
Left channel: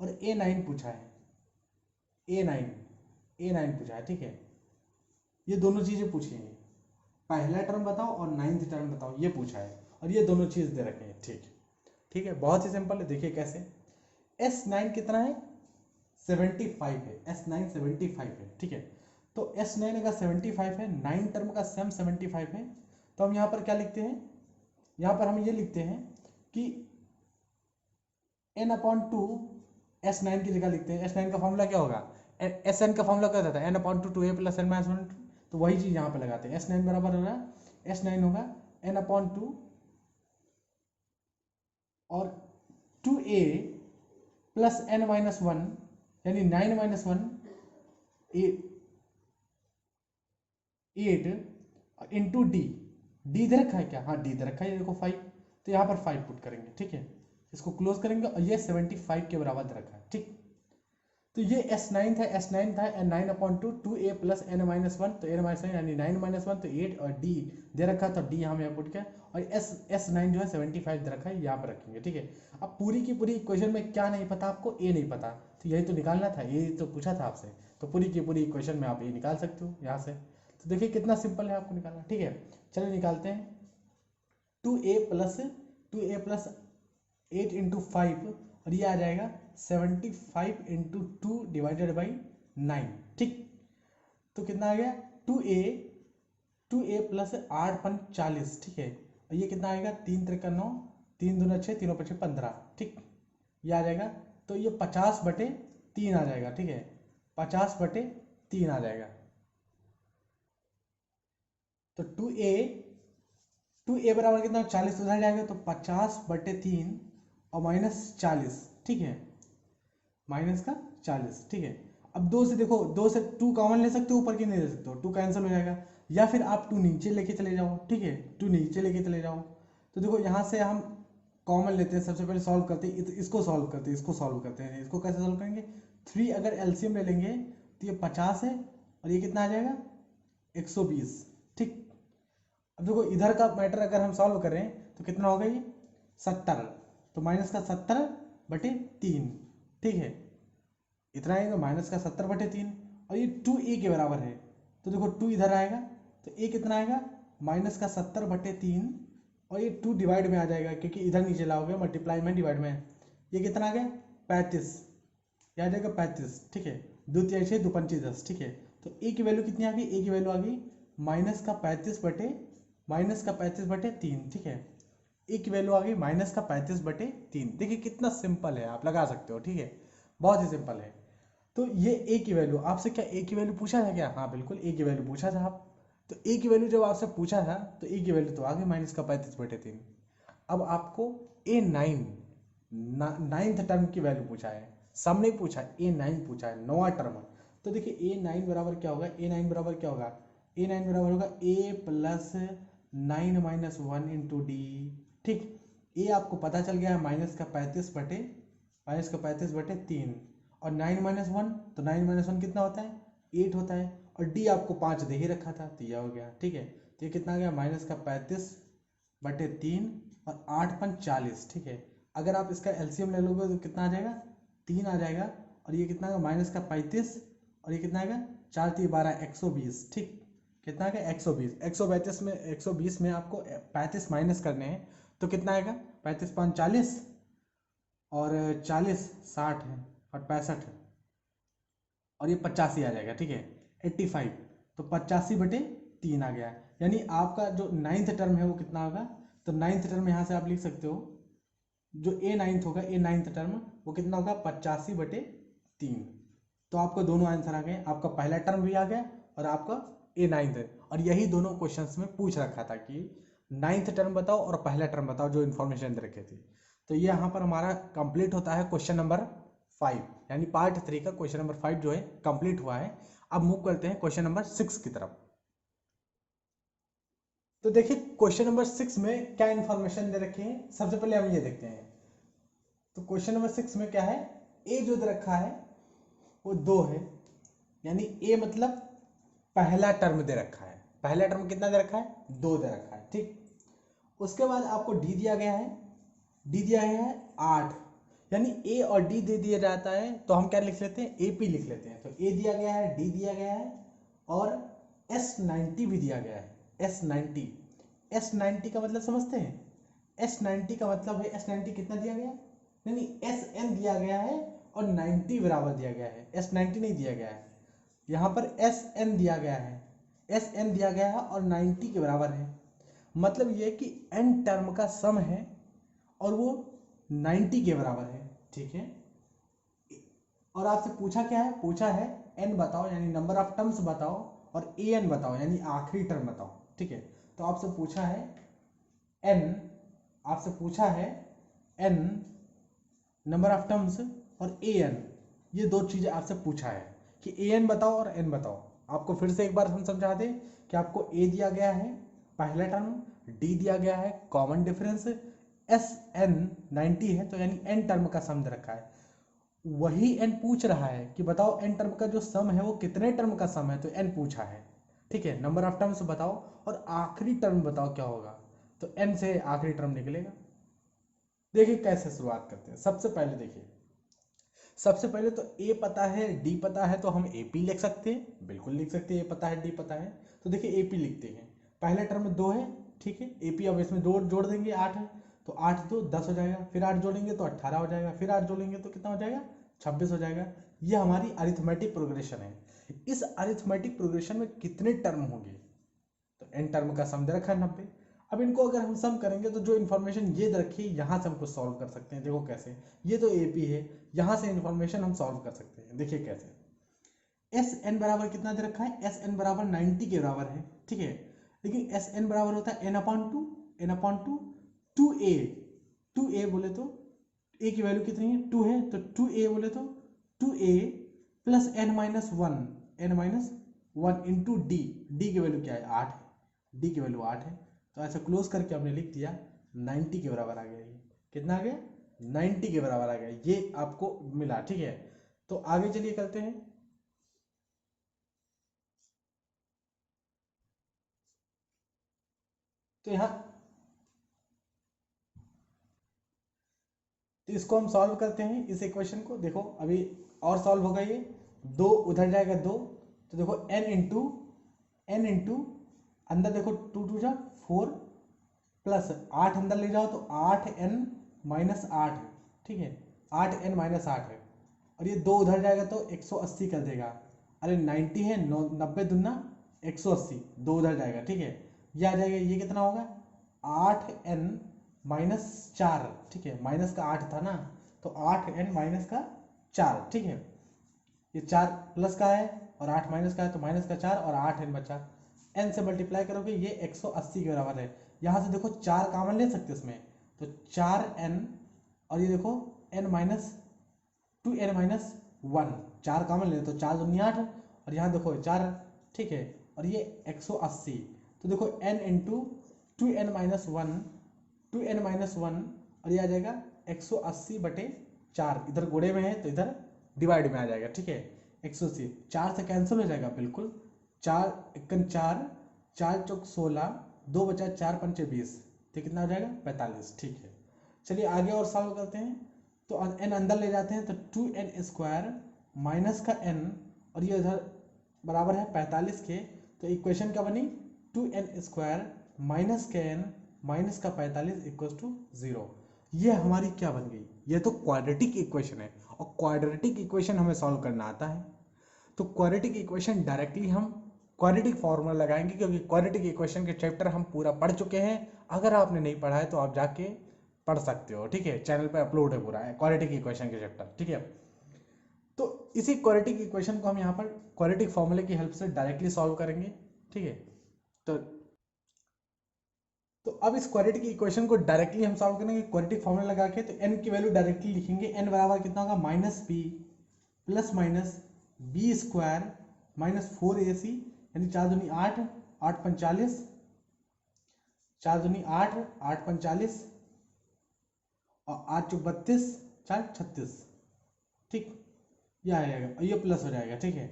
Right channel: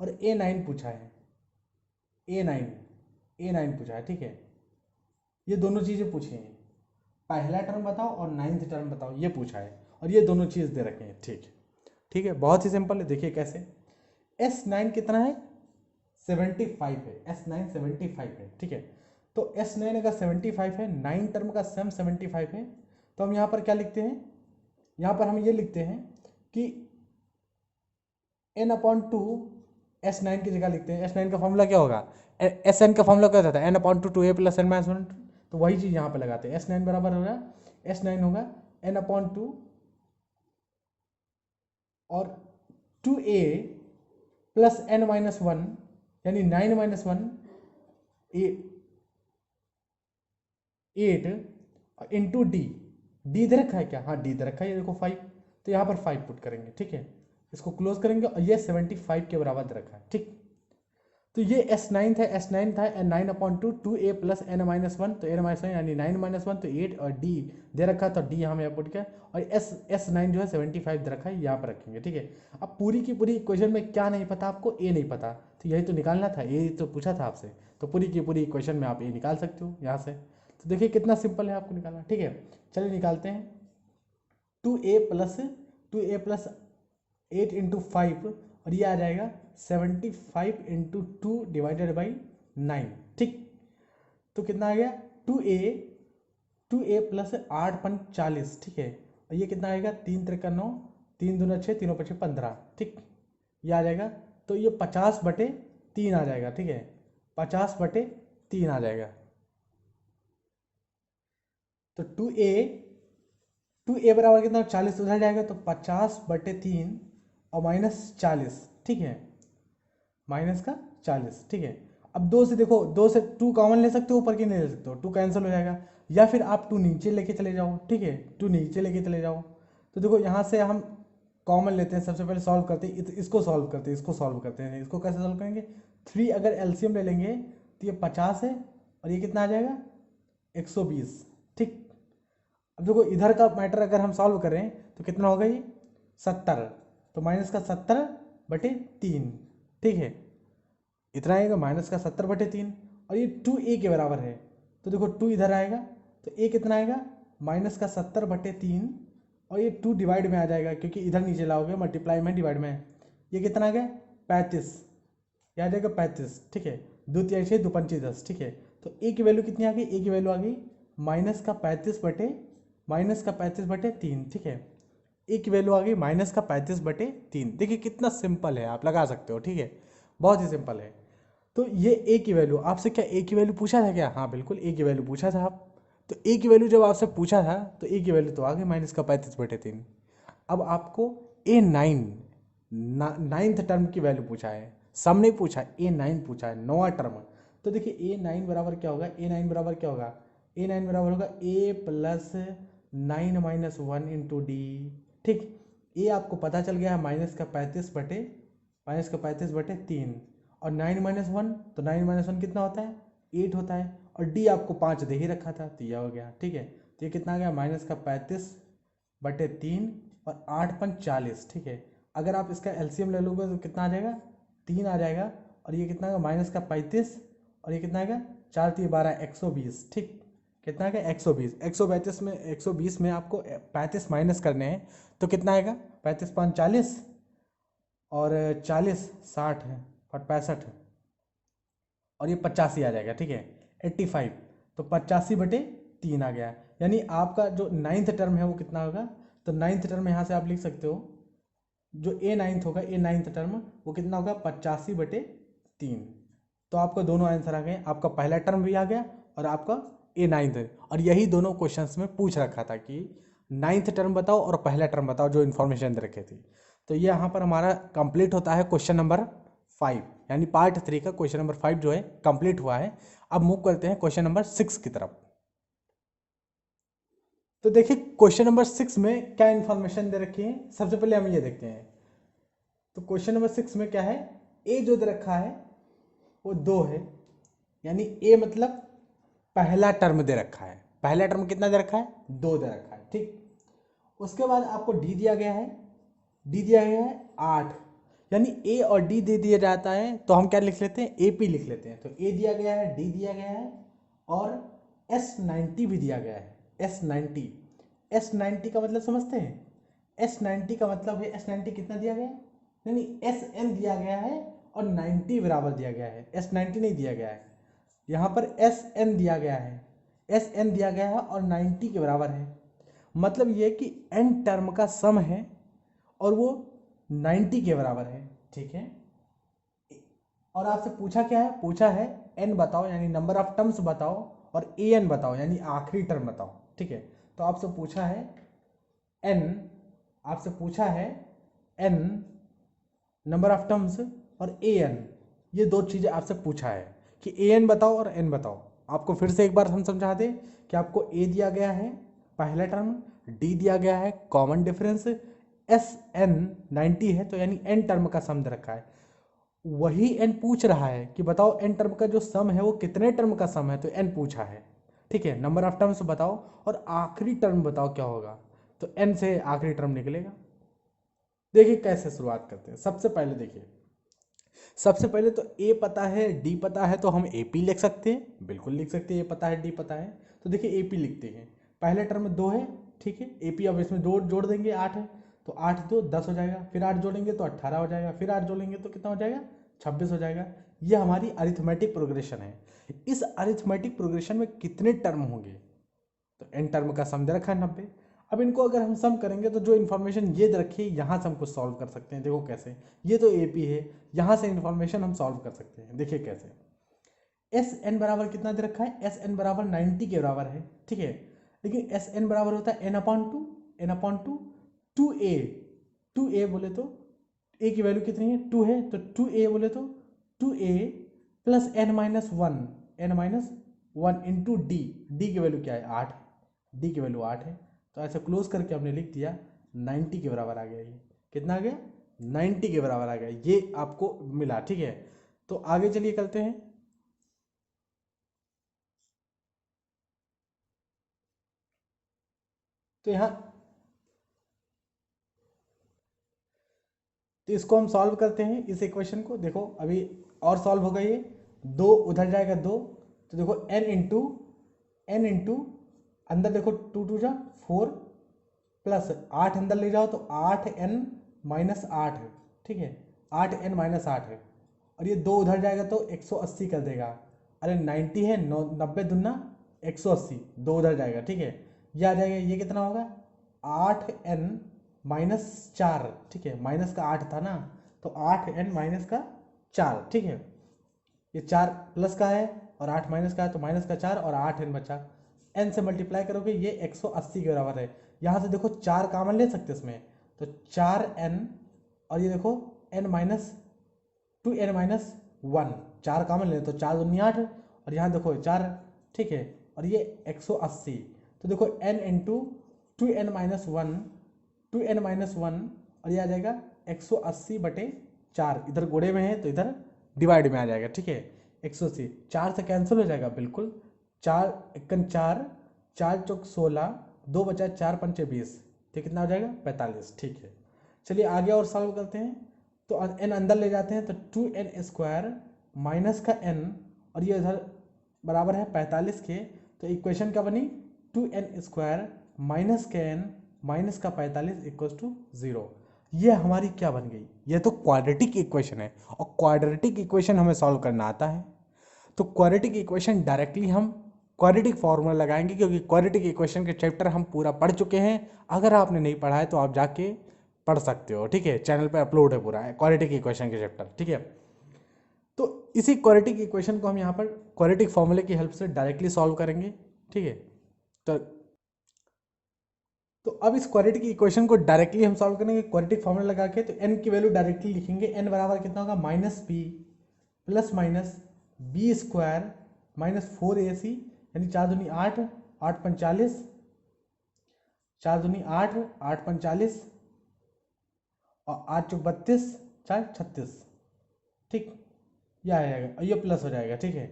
और A9 पूछा है, A9 पूछा है, ठीक है। ये दोनों चीजें पूछी हैं, पहला टर्म बताओ और 9th टर्म बताओ, ये पूछा है और ये दोनों चीज दे रखे हैं, ठीक, ठीक है। बहुत ही सिंपल है, देखिए कैसे। S9 कितना है, 75 है, S9 75 है, ठीक है। तो S9 अगर 75 है, 9 टर्म का सम 75 है, तो हम यहाँ पर क्या लिखते हैं, यहाँ पर हम ये लिखते हैं कि n/2 S9 की जगह लिखते हैं। S9 का फॉर्मूला क्या होगा, Sn का फॉर्मूला क्या होता है, n/2 2a + n - 1, तो वही चीज यहाँ पर लगाते हैं। S9 बराबर होगा, S9 होगा n/2 और 2a + n - 1 यानी 9 - 1 8 इंटू डी, डी दे रखा है क्या, हाँ डी दे रखा है, ये देखो 5, तो यहाँ पर 5 पुट करेंगे, ठीक है। इसको क्लोज करेंगे और ये 75 के बराबर दे रखा है, ठीक। तो ये S9 था, S9 था 9/2 2a + n - 1, तो n - 1 यानी 9 - 1 तो 8 और d दे रखा था, डी हम यहाँ पुट किया और S9 जो है 75 दे रखा है, यहाँ पर रखेंगे, ठीक है। अब पूरी की पूरी इक्वेशन में क्या नहीं पता आपको, ए नहीं पता, तो यही तो निकालना था, ये तो पूछा था आपसे, तो पूरी की पूरी इक्वेशन में आप ये निकाल सकते हो यहाँ से। तो देखिए कितना सिंपल है आपको निकालना, ठीक है। चलिए निकालते हैं। 2a + 8 इंटू 5 और ये आ जाएगा 75 इंटू 2 डिवाइडेड बाई 9, ठीक। तो कितना आ गया, 2a + 8 × 40, ठीक है। और ये कितना आएगा, 3 × 3 = 9, 3 दूना 6, 3 × 5 = 15, ठीक। ये आ जाएगा, तो ये 50/3 आ जाएगा, ठीक है, 50/3 आ जाएगा। तो 2a बराबर कितना, 40 उधर जाएगा तो 50/3 और -40, ठीक है, -40, ठीक है। अब 2 से देखो, 2 से 2 कॉमन ले सकते हो, ऊपर की नहीं ले सकते हो, 2 कैंसिल हो जाएगा, या फिर आप 2 नीचे लेके चले जाओ, ठीक है, 2 नीचे लेके चले जाओ। तो देखो यहाँ से हम कॉमन लेते हैं, सबसे पहले सॉल्व करते हैं, इसको सॉल्व करते हैं, इसको सॉल्व करते हैं। इसको कैसे सॉल्व करेंगे, 3 अगर एलसीएम ले लेंगे तो ये 50 है और ये कितना आ जाएगा 120, ठीक। अब देखो इधर का मैटर अगर हम सॉल्व करें तो कितना होगा ये 70, तो -70/3, ठीक है, इतना आएगा -70/3 और ये 2a के बराबर है, तो देखो 2 इधर आएगा तो a कितना आएगा -70/3 और ये 2 डिवाइड में आ जाएगा क्योंकि इधर नीचे लाओगे मल्टीप्लाई में डिवाइड में, ये कितना आ गया 35, ये आ जाएगा 35, ठीक है, 2 × 6 = 2 × 5 = 10, ठीक है। तो a की वैल्यू कितनी आ गई, a की वैल्यू आ गई -35/3, ठीक है, ए की वैल्यू आ गई -35/3। देखिए कितना सिंपल है, आप लगा सकते हो, ठीक है, बहुत ही सिंपल है। तो ये ए की वैल्यू, आपसे क्या ए की वैल्यू पूछा था क्या, हाँ बिल्कुल ए की वैल्यू पूछा था आप, तो ए की वैल्यू जब आपसे पूछा था तो ए की वैल्यू तो आ गई -35/3। अब आपको A9 9th टर्म की वैल्यू पूछा है, सम नहीं पूछा, A9 पूछा है, 9वां टर्म। तो देखिए A9 बराबर क्या होगा, A9 बराबर क्या होगा, A9 बराबर होगा a + 9 - 1 इंटू डी, ठीक। ये आपको पता चल गया -35/3 और 9 - 1, तो 9 - 1 कितना होता है 8 होता है, और डी आपको 5 दे ही रखा था, तो यह हो गया, ठीक है। तो ये कितना आ गया -35/3 और 8 × 5 = 40, ठीक है। अगर आप इसका एलसीएम ले लोगे तो कितना आ जाएगा 3 आ जाएगा, और ये कितना आ गया -35 और और ये कितना आएगा 4 3 12 120, ठीक। कितना आएगा 120। 120 में आपको 35 माइनस करने हैं तो कितना आएगा 35 5 40 और 40 60 है और 65 है और ये 85 आ जाएगा, ठीक है 85। तो 85/3 आ गया, यानी आपका जो 9th टर्म है वो कितना होगा। तो 9th टर्म यहाँ से आप लिख सकते हो, जो A9th होगा, A9th टर्म वो कितना होगा 85/3। तो आपको दोनों आंसर आ गए, आपका पहला टर्म भी आ गया और आपका A9th है। और यही दोनों क्वेश्चंस में पूछ रखा था कि 9th टर्म बताओ और पहला टर्म बताओ, जो इन्फॉर्मेशन दे रखे थे। तो ये यहाँ पर हमारा कंप्लीट होता है क्वेश्चन नंबर 5, यानी पार्ट 3 का क्वेश्चन नंबर 5 जो है कंप्लीट हुआ है। अब मूव करते हैं क्वेश्चन नंबर 6 की तरफ। तो देखिए क्वेश्चन नंबर 6 में क्या इन्फॉर्मेशन दे रखी है, सबसे पहले हम ये देखते हैं। तो क्वेश्चन नंबर 6 में क्या है, ए जो दे रखा है वो 2 है, यानी ए मतलब पहला टर्म दे रखा है। पहला टर्म कितना दे रखा है 2 दे रखा है, ठीक। उसके बाद आपको डी दिया गया है, डी दिया गया है 8, यानी ए और डी दे दिया जाता है तो हम क्या लिख लेते हैं ए पी लिख लेते हैं। तो ए दिया गया है, डी दिया गया है और S90 भी दिया गया है। S90, S90 का मतलब समझते हैं, S90 का मतलब है, S90 कितना दिया गया है, नहीं SN दिया गया है और 90 बराबर दिया गया है, S90 नहीं दिया गया है। यहाँ पर SN दिया गया है, SN दिया गया है और 90 के बराबर है। मतलब ये कि n टर्म का सम है और वो 90 के बराबर है, ठीक है। और आपसे पूछा क्या है, पूछा है n बताओ यानी नंबर ऑफ टर्म्स बताओ और an बताओ यानी आखिरी टर्म बताओ, ठीक है। तो आपसे पूछा है n, आपसे पूछा है n नंबर ऑफ टर्म्स और an, ये दो चीज़ें आपसे पूछा है कि an बताओ और n बताओ। आपको फिर से एक बार हम समझा दें कि आपको a दिया गया है पहला टर्म, d दिया गया है कॉमन डिफरेंस, SN 90 है तो यानी n टर्म का सम दे रखा है। वही n पूछ रहा है कि बताओ n टर्म का जो सम है वो कितने टर्म का सम है, तो n पूछा है, ठीक है। नंबर ऑफ टर्म्स बताओ और आखिरी टर्म बताओ क्या होगा, तो n से आखिरी टर्म निकलेगा। देखिए कैसे शुरुआत करते हैं। सबसे पहले देखिए, सबसे पहले तो a पता है, d पता है, तो हम AP लिख सकते हैं, बिल्कुल लिख सकते हैं, a पता है d पता है। तो देखिए AP लिखते हैं, पहले टर्म में 2 है, ठीक है। AP अब इसमें 2 जोड़ देंगे 8 है, तो 8 2 10 हो जाएगा, फिर 8 जोड़ेंगे तो 18 हो जाएगा, फिर 8 जोड़ेंगे तो कितना हो जाएगा 26 हो जाएगा। ये हमारी अरिथमेटिक प्रोग्रेशन है। इस अरिथमेटिक प्रोग्रेशन में कितने टर्म होंगे, तो n टर्म का सम दे रखा है 90। अब इनको अगर हम सम करेंगे तो जो इन्फॉर्मेशन ये दे रखी है यहाँ से हमको सॉल्व कर सकते हैं। देखो कैसे, ये तो AP है, यहाँ से इन्फॉर्मेशन हम सॉल्व कर सकते हैं। देखिए कैसे, SN बराबर कितना दे रखा है, SN बराबर 90 के बराबर है, ठीक है। लेकिन SN बराबर होता है n/2, n/2 2a, 2a बोले तो a की वैल्यू कितनी है 2 है, तो 2a बोले तो 2a plus n-1, n-1 into d, D की वैल्यू क्या है 8 है, डी की वैल्यू 8 है। तो ऐसे क्लोज करके हमने लिख दिया 90 के बराबर आ गया। ये कितना आ गया 90 के बराबर आ गया, ये आपको मिला, ठीक है। तो आगे चलिए करते हैं। तो यहाँ, तो इसको हम सॉल्व करते हैं इस इक्वेशन को। देखो अभी और सॉल्व होगा ये, 2 उधर जाएगा 2, तो देखो n इंटू अंदर देखो 2 2 जा 4 प्लस 8 अंदर ले जाओ तो 8n-8 है, ठीक है 8n-8 है। और ये 2 उधर जाएगा तो 180 कर देगा। अरे 90 है, 90 दूना 180, 2 उधर जाएगा, ठीक है। ये आ जाएगा, ये कितना होगा 8n-4, ठीक है, माइनस का 8 था ना, तो 8n-4, ठीक है। ये 4 प्लस का है और 8 माइनस का है, तो माइनस का 4 और 8n बचा, n से मल्टीप्लाई करोगे ये 180 के बराबर है। यहाँ से देखो 4 कॉमन ले सकते इसमें, तो 4n और ये देखो n-2n-1, 4 कॉमन ले तो 4 दूनी 8 और यहाँ देखो 4, ठीक है। और ये 180, तो देखो n इंटू 2n-1, 2n-1 और ये आ जाएगा 180/4, इधर गोड़े में है तो इधर डिवाइड में आ जाएगा, ठीक है। 180 4 से कैंसिल हो जाएगा बिल्कुल, 4 1 4, 4 चौक 16, 2 बचा 4 पंचे 20, तो कितना हो जाएगा 45, ठीक है। चलिए आगे और सॉल्व करते हैं। तो n अंदर ले जाते हैं तो 2n² माइनस का n और ये इधर बराबर है 45 के, तो इक्वेशन क्या बनी 2n² माइनस के एन माइनस का 45 इक्वल टू 0। ये हमारी क्या बन गई, ये तो क्वाड्रेटिक इक्वेशन है, और क्वाड्रेटिक इक्वेशन हमें सॉल्व करना आता है। तो क्वाड्रेटिक इक्वेशन डायरेक्टली हम क्वाड्रेटिक फॉर्मूला लगाएंगे, क्योंकि क्वाड्रेटिक इक्वेशन के चैप्टर हम पूरा पढ़ चुके हैं। अगर आपने नहीं पढ़ा है तो आप जाके पढ़ सकते हो, ठीक है, चैनल पे अपलोड है पूरा है क्वाड्रेटिक इक्वेशन के चैप्टर, ठीक है। तो इसी क्वाड्रेटिक इक्वेशन को हम यहाँ पर क्वाड्रेटिक फॉर्मूले की हेल्प से डायरेक्टली सॉल्व करेंगे, ठीक है। तो अब इस क्वाड्रेटिक इक्वेशन को डायरेक्टली हम सॉल्व करेंगे क्वाड्रेटिक फॉर्मूला लगा के। तो n की वैल्यू डायरेक्टली लिखेंगे, n बराबर कितना होगा minus b plus minus b square minus 4ac, यानी 4 दूनी 8, 8 45, 4 दूनी 8, 8 45 और 8 चौक 32, 4 36, ठीक। यह आ जाएगा और ये प्लस हो जाएगा, ठीक है,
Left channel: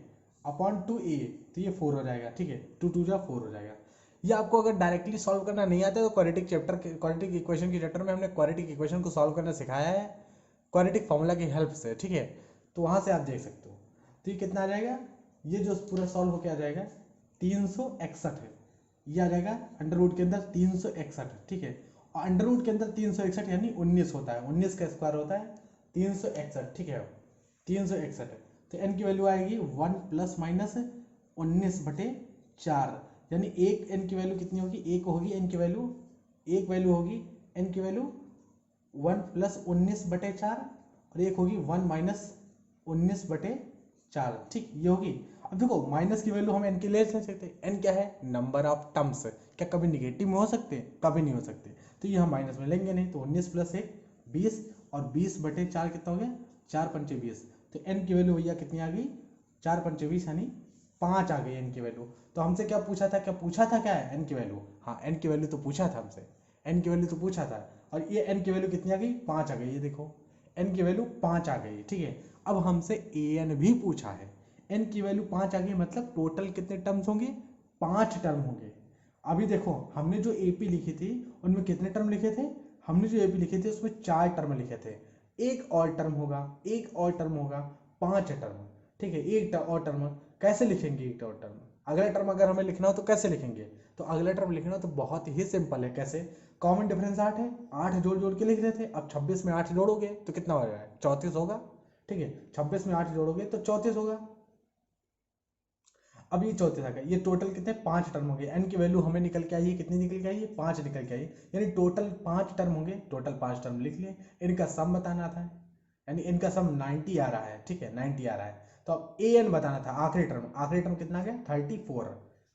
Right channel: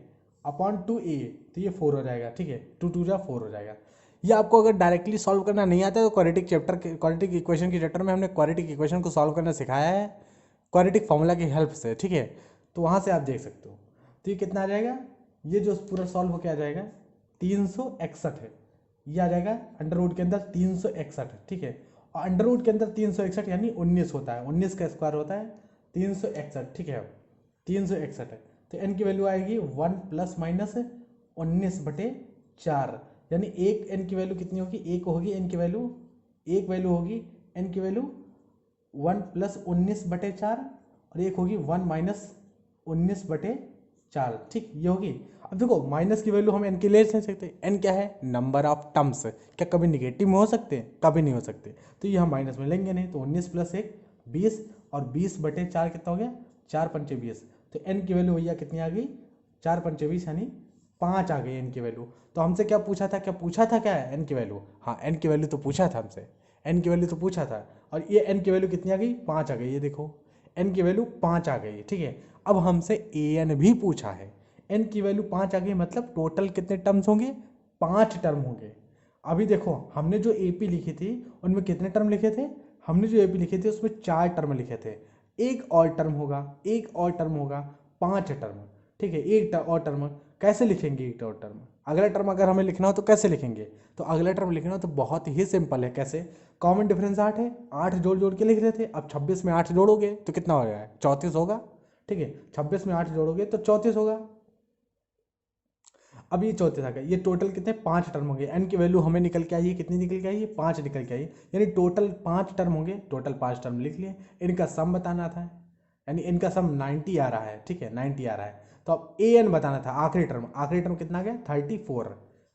अपॉन 2a, तो ये 4 हो जाएगा, ठीक है, 2 2 जा 4 हो जाएगा। ये आपको अगर डायरेक्टली सॉल्व करना नहीं आता है तो क्वाड्रेटिक इक्वेशन के चैप्टर में हमने क्वाड्रेटिक इक्वेशन को सॉल्व करना सिखाया है क्वाड्रेटिक फॉर्मूला की हेल्प से, ठीक है। तो वहाँ से आप देख सकते हो। तो ये कितना आ जाएगा, ये जो पूरा सॉल्व होकर आ जाएगा 361 है, ये आ जाएगा अंडर रूट के अंदर 361, ठीक है। और अंडर रूट के अंदर 361 यानी 19 होता है, 19 का स्क्वायर होता है 361, ठीक है, 361 है। तो n की वैल्यू आएगी 1 प्लस माइनस 19/4, यानी एक n की वैल्यू कितनी होगी, एक होगी n की वैल्यू, एक वैल्यू होगी n की वैल्यू 1 प्लस 19/4 और एक होगी 1 माइनस 19/4, ठीक, ये होगी। अब देखो माइनस की वैल्यू हम n के ले सकते, n क्या है, नंबर ऑफ टर्म्स, क्या कभी निगेटिव में हो सकते हैं, कभी नहीं हो सकते, तो ये हम माइनस में लेंगे नहीं। तो 19 प्लस 1 20 और 20/4 कितना हो गया, 4 पंचे 20। तो n की वैल्यू भैया कितनी आ गई, 4 पंचे 20 यानी 5 आ गई n की वैल्यू। तो हमसे क्या पूछा था, क्या है n की वैल्यू, हाँ n की वैल्यू तो पूछा था हमसे, n की वैल्यू तो पूछा था, और ये n की वैल्यू कितनी आ गई, 5 आ गई, ये देखो n की वैल्यू 5 आ गई, ठीक है। अब हमसे an भी पूछा है, n की वैल्यू 5 आ गई, मतलब टोटल कितने टर्म्स होंगे, 5 टर्म होंगे। अभी देखो हमने जो AP लिखी थी उनमें कितने टर्म लिखे थे, हमने जो AP लिखे थे उसमें 4 टर्म लिखे थे, एक और टर्म होगा, एक और टर्म होगा, 5 टर्म, ठीक है। एक और टर्म कैसे लिखेंगे, एक और टर्म, अगला टर्म अगर हमें लिखना हो तो कैसे लिखेंगे, तो अगला टर्म लिखना हो तो बहुत ही सिंपल है, कैसे, कॉमन डिफरेंस 8 है, 8 जोड़ जोड़ के लिख रहे थे। अब 26 में 8 जोड़ोगे तो कितना हो जाएगा, 34 होगा, ठीक है, 26 में 8 जोड़ोगे तो 34 होगा। अब ये 34 आ गया, ये टोटल कितने 5 टर्म होंगे, n की वैल्यू हमें निकल के आई है, कितनी निकल के आई है, 5 निकल के आई, यानी टोटल 5 टर्म होंगे, टोटल 5 टर्म लिख लिए। इनका सम बताना था, यानी इनका सम 90 आ रहा है, ठीक है, 90 आ रहा है। तो अब an बताना था, आखिरी टर्म कितना गया 34।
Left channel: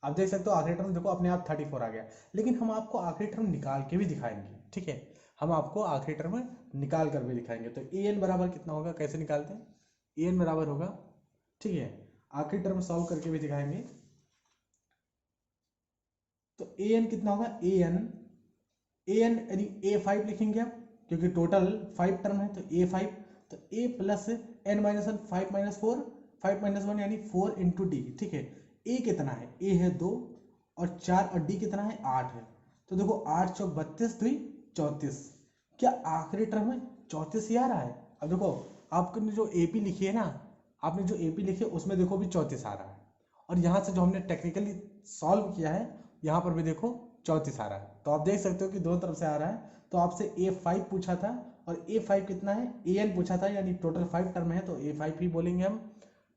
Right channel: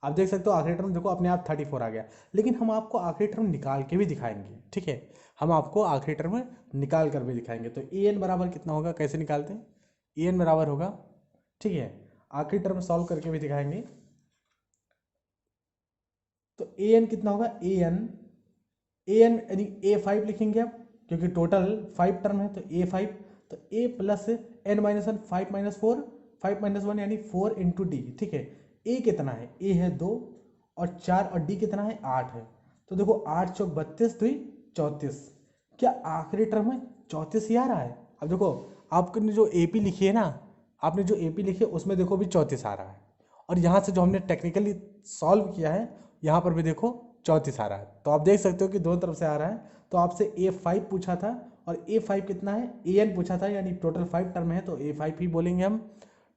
आप देख सकते हो आखिरी टर्म देखो अपने आप 34 आ गया, लेकिन हम आपको आखिरी टर्म निकाल के भी दिखाएंगे, ठीक है, हम आपको आखिरी टर्म निकाल कर भी दिखाएंगे। तो an बराबर कितना होगा, कैसे निकालते हैं, an बराबर होगा, ठीक है, आखिरी टर्म सॉल्व करके भी दिखाएंगे। तो an कितना होगा, an यानी a5 लिखेंगे आप, क्योंकि टोटल 5 टर्म है, तो a5, तो a plus n minus 1, 5 minus 4, 5 minus 1 यानी 4 इंटू डी, ठीक है। a कितना है, a है 2 और 4 और d कितना है 8 है। तो देखो 8 चौक 32 2 34, क्या आखिरी टर्म में 34 ही आ रहा है। अब देखो आपने जो AP लिखी है ना, आपने जो AP लिखी है उसमें देखो भी 34 आ रहा है, और यहाँ से जो हमने टेक्निकली सॉल्व किया है यहाँ पर भी देखो 34 आ रहा है। तो आप देख सकते हो कि दोनों तरफ से आ रहा है। तो आपसे a5 पूछा था और a5 कितना है, an पूछा था, यानी टोटल 5 टर्म है तो a5 ही बोलेंगे हम,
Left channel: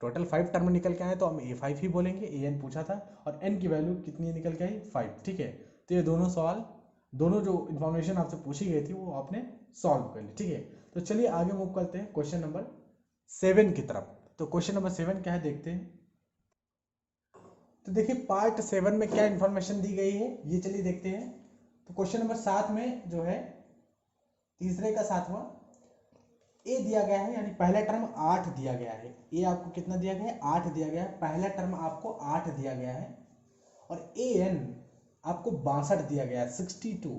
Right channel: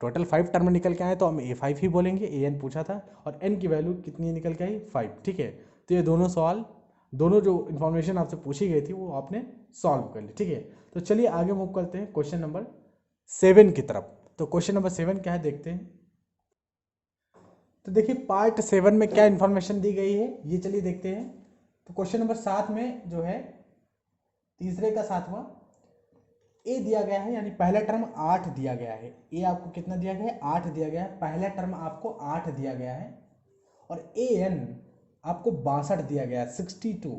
टोटल 5 टर्म निकल के आए तो हम a5 ही बोलेंगे, an पूछा था और n की वैल्यू कितनी निकल के आई 5, ठीक है। तो ये दोनों सवाल, दोनों जो इन्फॉर्मेशन आपसे पूछी गई थी वो आपने सॉल्व कर ली, ठीक है। तो चलिए आगे मूव करते हैं क्वेश्चन नंबर 7 की तरफ। तो क्वेश्चन नंबर 7 क्या है देखते हैं। तो देखिए पार्ट 7 में क्या इन्फॉर्मेशन दी गई है ये चलिए देखते हैं। तो क्वेश्चन नंबर 7 में जो है तीसरे का 7वां ए दिया गया है, यानी पहला टर्म 8 दिया गया है, ए आपको कितना दिया गया है 8 दिया गया है, पहला टर्म आपको 8 दिया गया है, और ए एन आपको 62 दिया गया है 62,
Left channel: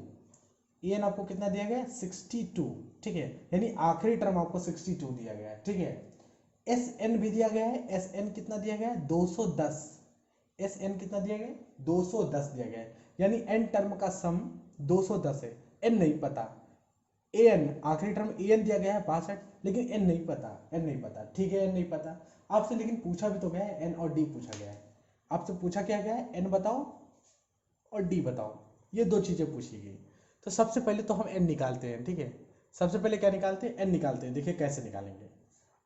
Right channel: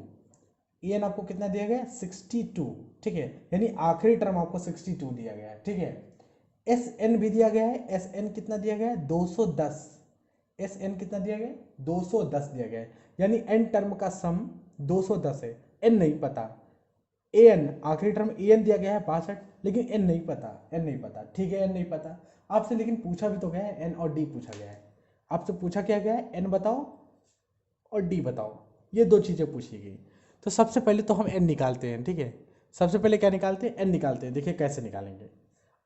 ए एन आपको कितना दिया गया है 62, ठीक है, यानी आखिरी टर्म आपको 62 दिया गया है, ठीक है। एस एन भी दिया गया है, एस एन कितना दिया गया है 210, एस एन कितना दिया गया है 210 दिया गया है, यानी एन टर्म का सम 210 है, एन नहीं पता, an आखिरी टर्म an दिया गया है 62, लेकिन n नहीं पता, n नहीं पता, ठीक है, n नहीं पता आपसे, लेकिन पूछा भी तो गया है, n और d पूछा गया है। आपसे पूछा क्या गया है, n बताओ और d बताओ, ये दो चीज़ें पूछी गई। तो सबसे पहले तो हम n निकालते हैं, ठीक है। सबसे पहले क्या निकालते हैं, n निकालते हैं। देखिए कैसे निकालेंगे।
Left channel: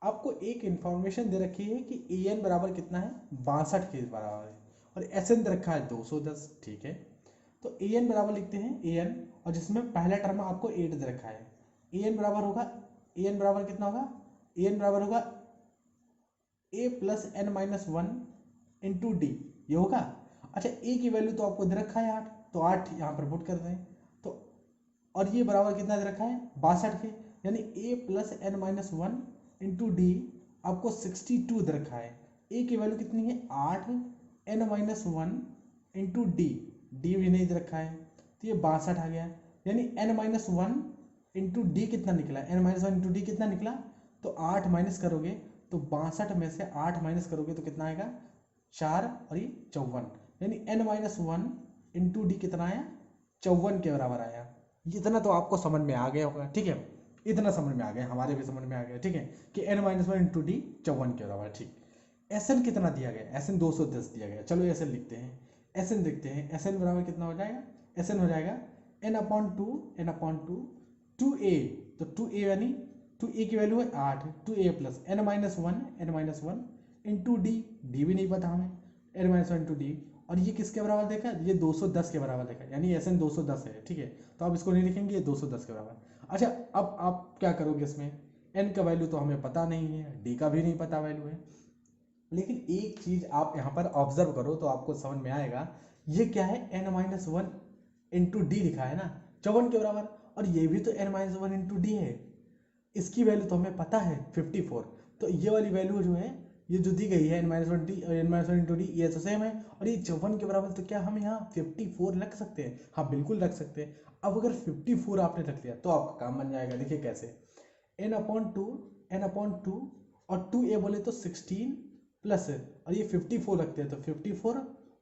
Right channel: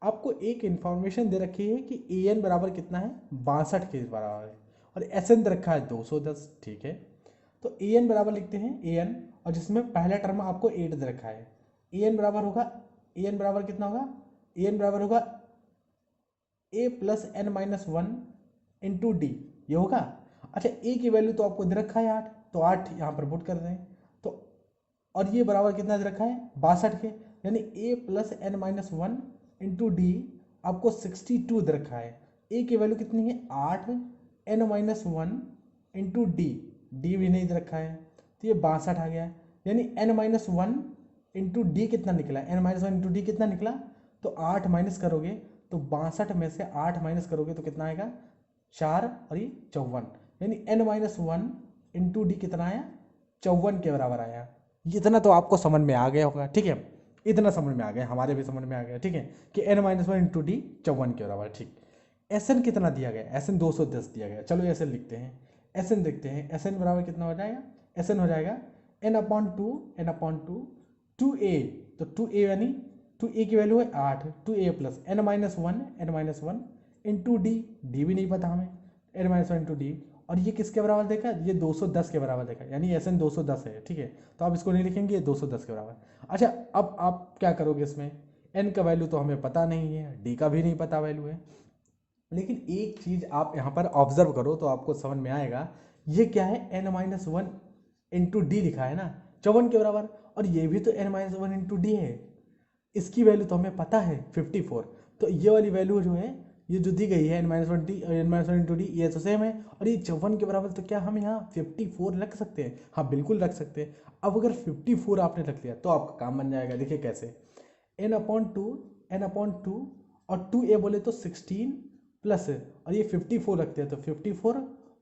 आपको एक इंफॉर्मेशन दे रखी है कि an बराबर कितना है, 62 के बराबर है, और sn दे रखा है 210, ठीक है। तो an बराबर लिखते हैं an, और जिसमें पहला टर्म आपको 8 दे रखा है। an बराबर होगा, an बराबर कितना होगा, an बराबर होगा a plus n minus one into d, ये होगा। अच्छा a की वैल्यू तो आपको दे रखा है 8, तो 8 यहाँ पर पुट कर दें। तो और ये बराबर कितना दे रखा है, 62 के, यानी a plus n minus one into d आपको 62 दे रखा है। a की वैल्यू कितनी है, 8 n minus one into d, d भी नहीं दे रखा है, तो ये 62 आ गया। यानी n minus one into d कितना निकला, n minus one into d कितना निकला, तो 8 माइनस करोगे तो 62 में से 8 माइनस करोगे तो कितना आएगा, 4 और ये 54, यानी n minus one into d कितना आया, 54 के बराबर आया। इतना तो आपको समझ में आ गया होगा, ठीक है, इतना समझ में आ गया, हमारे भी समझ में आ गया, ठीक है, कि n minus one into D 54 के बराबर, ठीक। Sn कितना दिया गया, Sn 210 दिया गया, चलो Sn लिखते हैं, Sn देखते हैं, Sn बराबर कितना हो जाएगा, Sn हो जाएगा n अपॉन टू 2a, तो 2a यानी 2a की वैल्यू है 8, 2a plus n minus one into d, d भी नहीं पता हमें, n minus one into d, और ये किसके बराबर देखा, ये 210 के बराबर देखा, यानी Sn 210 है, ठीक है। तो आप इसको नहीं लिखेंगे, ये 210 के बराबर। अच्छा अब आप क्या करोगे, इसमें n का वैल्यू तो हमें पता नहीं है, d का भी नहीं पता वैल्यू है, लेकिन एक चीज आप यहाँ पर ऑब्जर्व करो तो आपको समझ में आएगा, ये क्या है, n minus one into D लिखा है ना 54 के बराबर, और ये भी तो n minus one into D है, इसकी वैल्यू तो हमें पता है 54, तो ये वाली वैल्यू जो है, ये जो दी गई है n minus one D, n minus one into d, ये तो सेम है, और ये 54 के बराबर, तो क्या हम यहाँ 54 रख सकते हैं, हाँ बिल्कुल रख सकते हैं। अब अगर 54 आपने रख लिया तो आपका काम बन जाएगा, देखिए कैसे, n अपॉन टू और 2a बोले तो 16 प्लस, और ये 54 रखते हैं तो 54,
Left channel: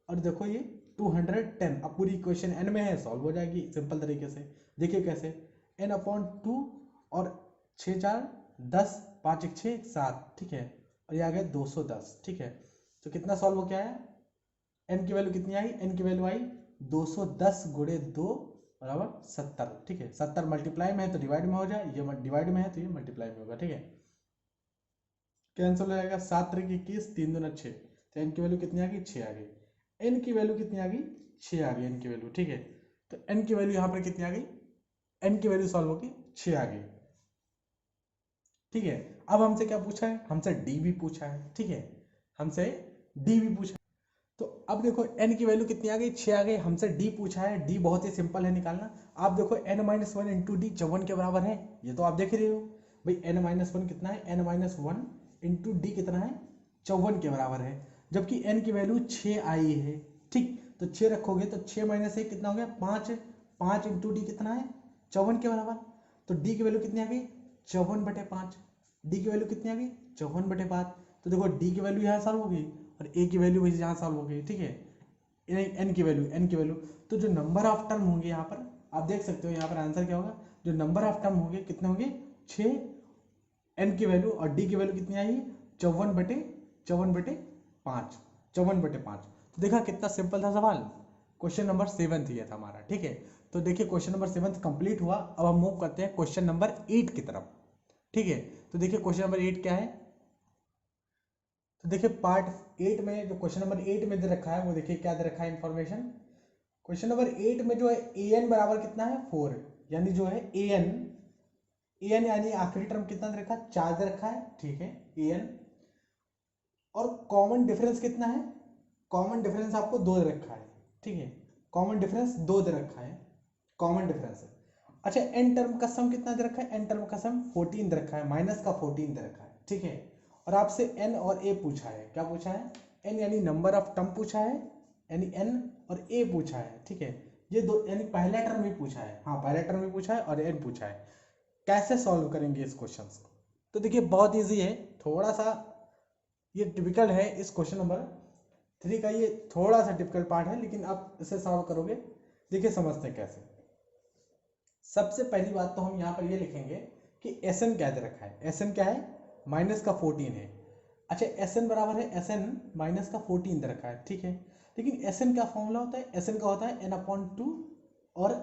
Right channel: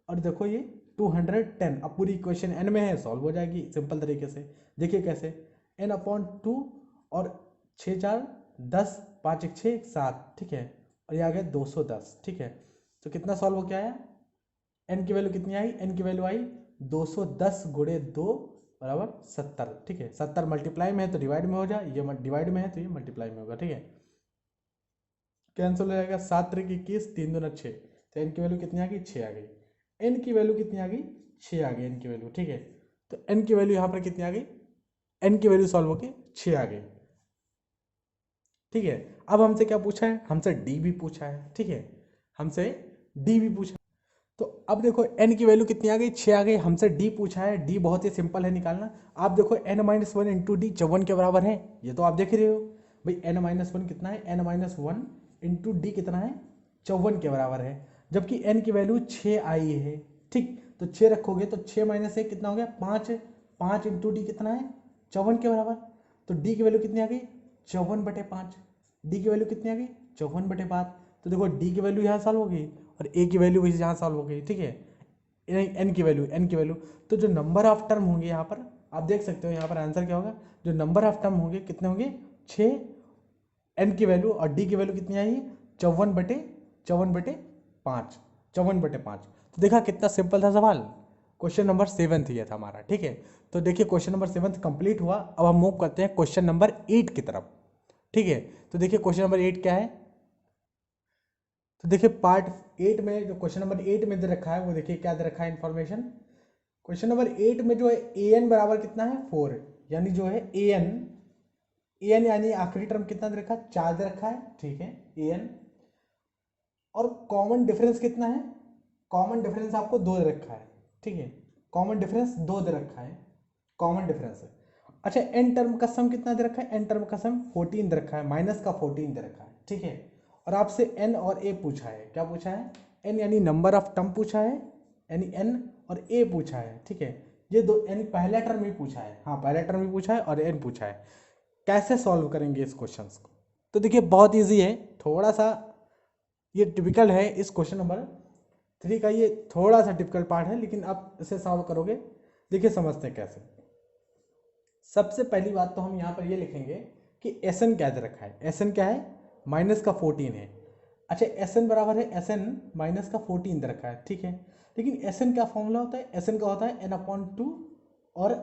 और देखो ये 210, अब पूरी इक्वेशन n में है, सॉल्व हो जाएगी सिंपल तरीके से। देखिए कैसे, n अपॉन टू और 6 4 10, 5 1 6 7, ठीक है, और ये आ गया 210, ठीक है। तो कितना सॉल्व हो गया है, n की वैल्यू कितनी आई, n की वैल्यू आई 210 गुणे 2 बराबर 70, ठीक है। 70 मल्टीप्लाई में है तो डिवाइड में हो जाए, ये डिवाइड में है तो ये मल्टीप्लाई में होगा, ठीक है। कैंसिल हो जाएगा, 7 3 21, 3 2 6, तो n की वैल्यू कितनी आ गई, 6 आ गई। n की वैल्यू कितनी आ गई, 6 आ गई n की वैल्यू, ठीक है। तो n की वैल्यू यहाँ पर कितनी आ गई, n की वैल्यू सॉल्व होकर 6 आ गई, ठीक है। अब हमसे क्या पूछा है, हमसे d भी पूछा है, ठीक है, हमसे d भी पूछा है। तो अब देखो n की वैल्यू कितनी आ गई, 6 आ गई, हमसे d पूछा है, d बहुत ही सिंपल है निकालना। आप देखो n minus one into D 54 के बराबर है, ये तो आप देख रहे हो भाई, n माइनस वन कितना है, n minus one into d कितना है, 54 के बराबर है, जबकि n की वैल्यू 6 आई है, ठीक। तो 6 रखोगे तो 6 माइनस 1 कितना हो गया, 5, 5 इंटू डी कितना है, 54 के बराबर। तो d की वैल्यू कितनी आ गई, 54/5, डी की वैल्यू कितनी आ गई, 54/5। तो देखो डी की वैल्यू यहाँ सॉल्व हो गई, और ए की वैल्यू भी यहाँ सॉल्व हो गई, ठीक है। एन की वैल्यू, तो जो नंबर ऑफ टर्म होंगे यहाँ पर आप देख सकते हो, यहाँ पर आंसर क्या होगा, जो नंबर ऑफ टर्म होंगे कितने होंगे, 6, एन की वैल्यू और डी की वैल्यू कितनी आई, 54/5, 54/5। तो देखा कितना सिंपल था सवाल, क्वेश्चन नंबर 7 ये था हमारा, ठीक है। तो देखिए क्वेश्चन नंबर 7 कंप्लीट हुआ। अब हम मूव करते हैं क्वेश्चन नंबर 8 की तरफ, ठीक है। तो देखिए क्वेश्चन नंबर 8 क्या है, तो देखिए पार्ट 8 में जो क्वेश्चन नंबर 8 में दे रखा है वो देखिए क्या दे रखा है इन्फॉर्मेशन। क्वेश्चन नंबर 8 में जो है an बराबर कितना है 4, यानी जो है an यानी आखिरी टर्म कितना दे रखा है, 4 दे रखा है, ठीक है an। और कॉमन डिफरेंस कितना है, कॉमन डिफरेंस आपको 2 दे रखा है, ठीक है, कॉमन डिफरेंस 2 दे रखा है, कॉमन डिफरेंस है। अच्छा n टर्म का सम कितना दे रखा है, n टर्म का सम 14 दे रखा है, माइनस का 14 दे रखा है, ठीक है। और आपसे n और a पूछा है, क्या पूछा है, n यानी नंबर ऑफ टर्म पूछा है, यानी n और a पूछा है, ठीक है। ये दो यानी पहला टर्म ही पूछा है, हाँ पहला टर्म ही पूछा है और n पूछा है। कैसे सॉल्व करेंगे इस क्वेश्चंस को, तो देखिए बहुत इजी है, थोड़ा सा ये टिपिकल है इस क्वेश्चन नंबर 3 का, ये थोड़ा सा टिपिकल पार्ट है, लेकिन आप इसे सॉल्व करोगे, देखिए समझते हैं कैसे। सबसे पहली बात तो हम यहाँ पर ये लिखेंगे कि एस एन क्या दे रखा है, एस एन क्या है, माइनस का 14 है। अच्छा, एस एन बराबर है एस एन माइनस का 14 दे रखा है, ठीक है। लेकिन एस एन क्या फॉर्मूला होता है, एस एन का होता है एन अपॉन टू और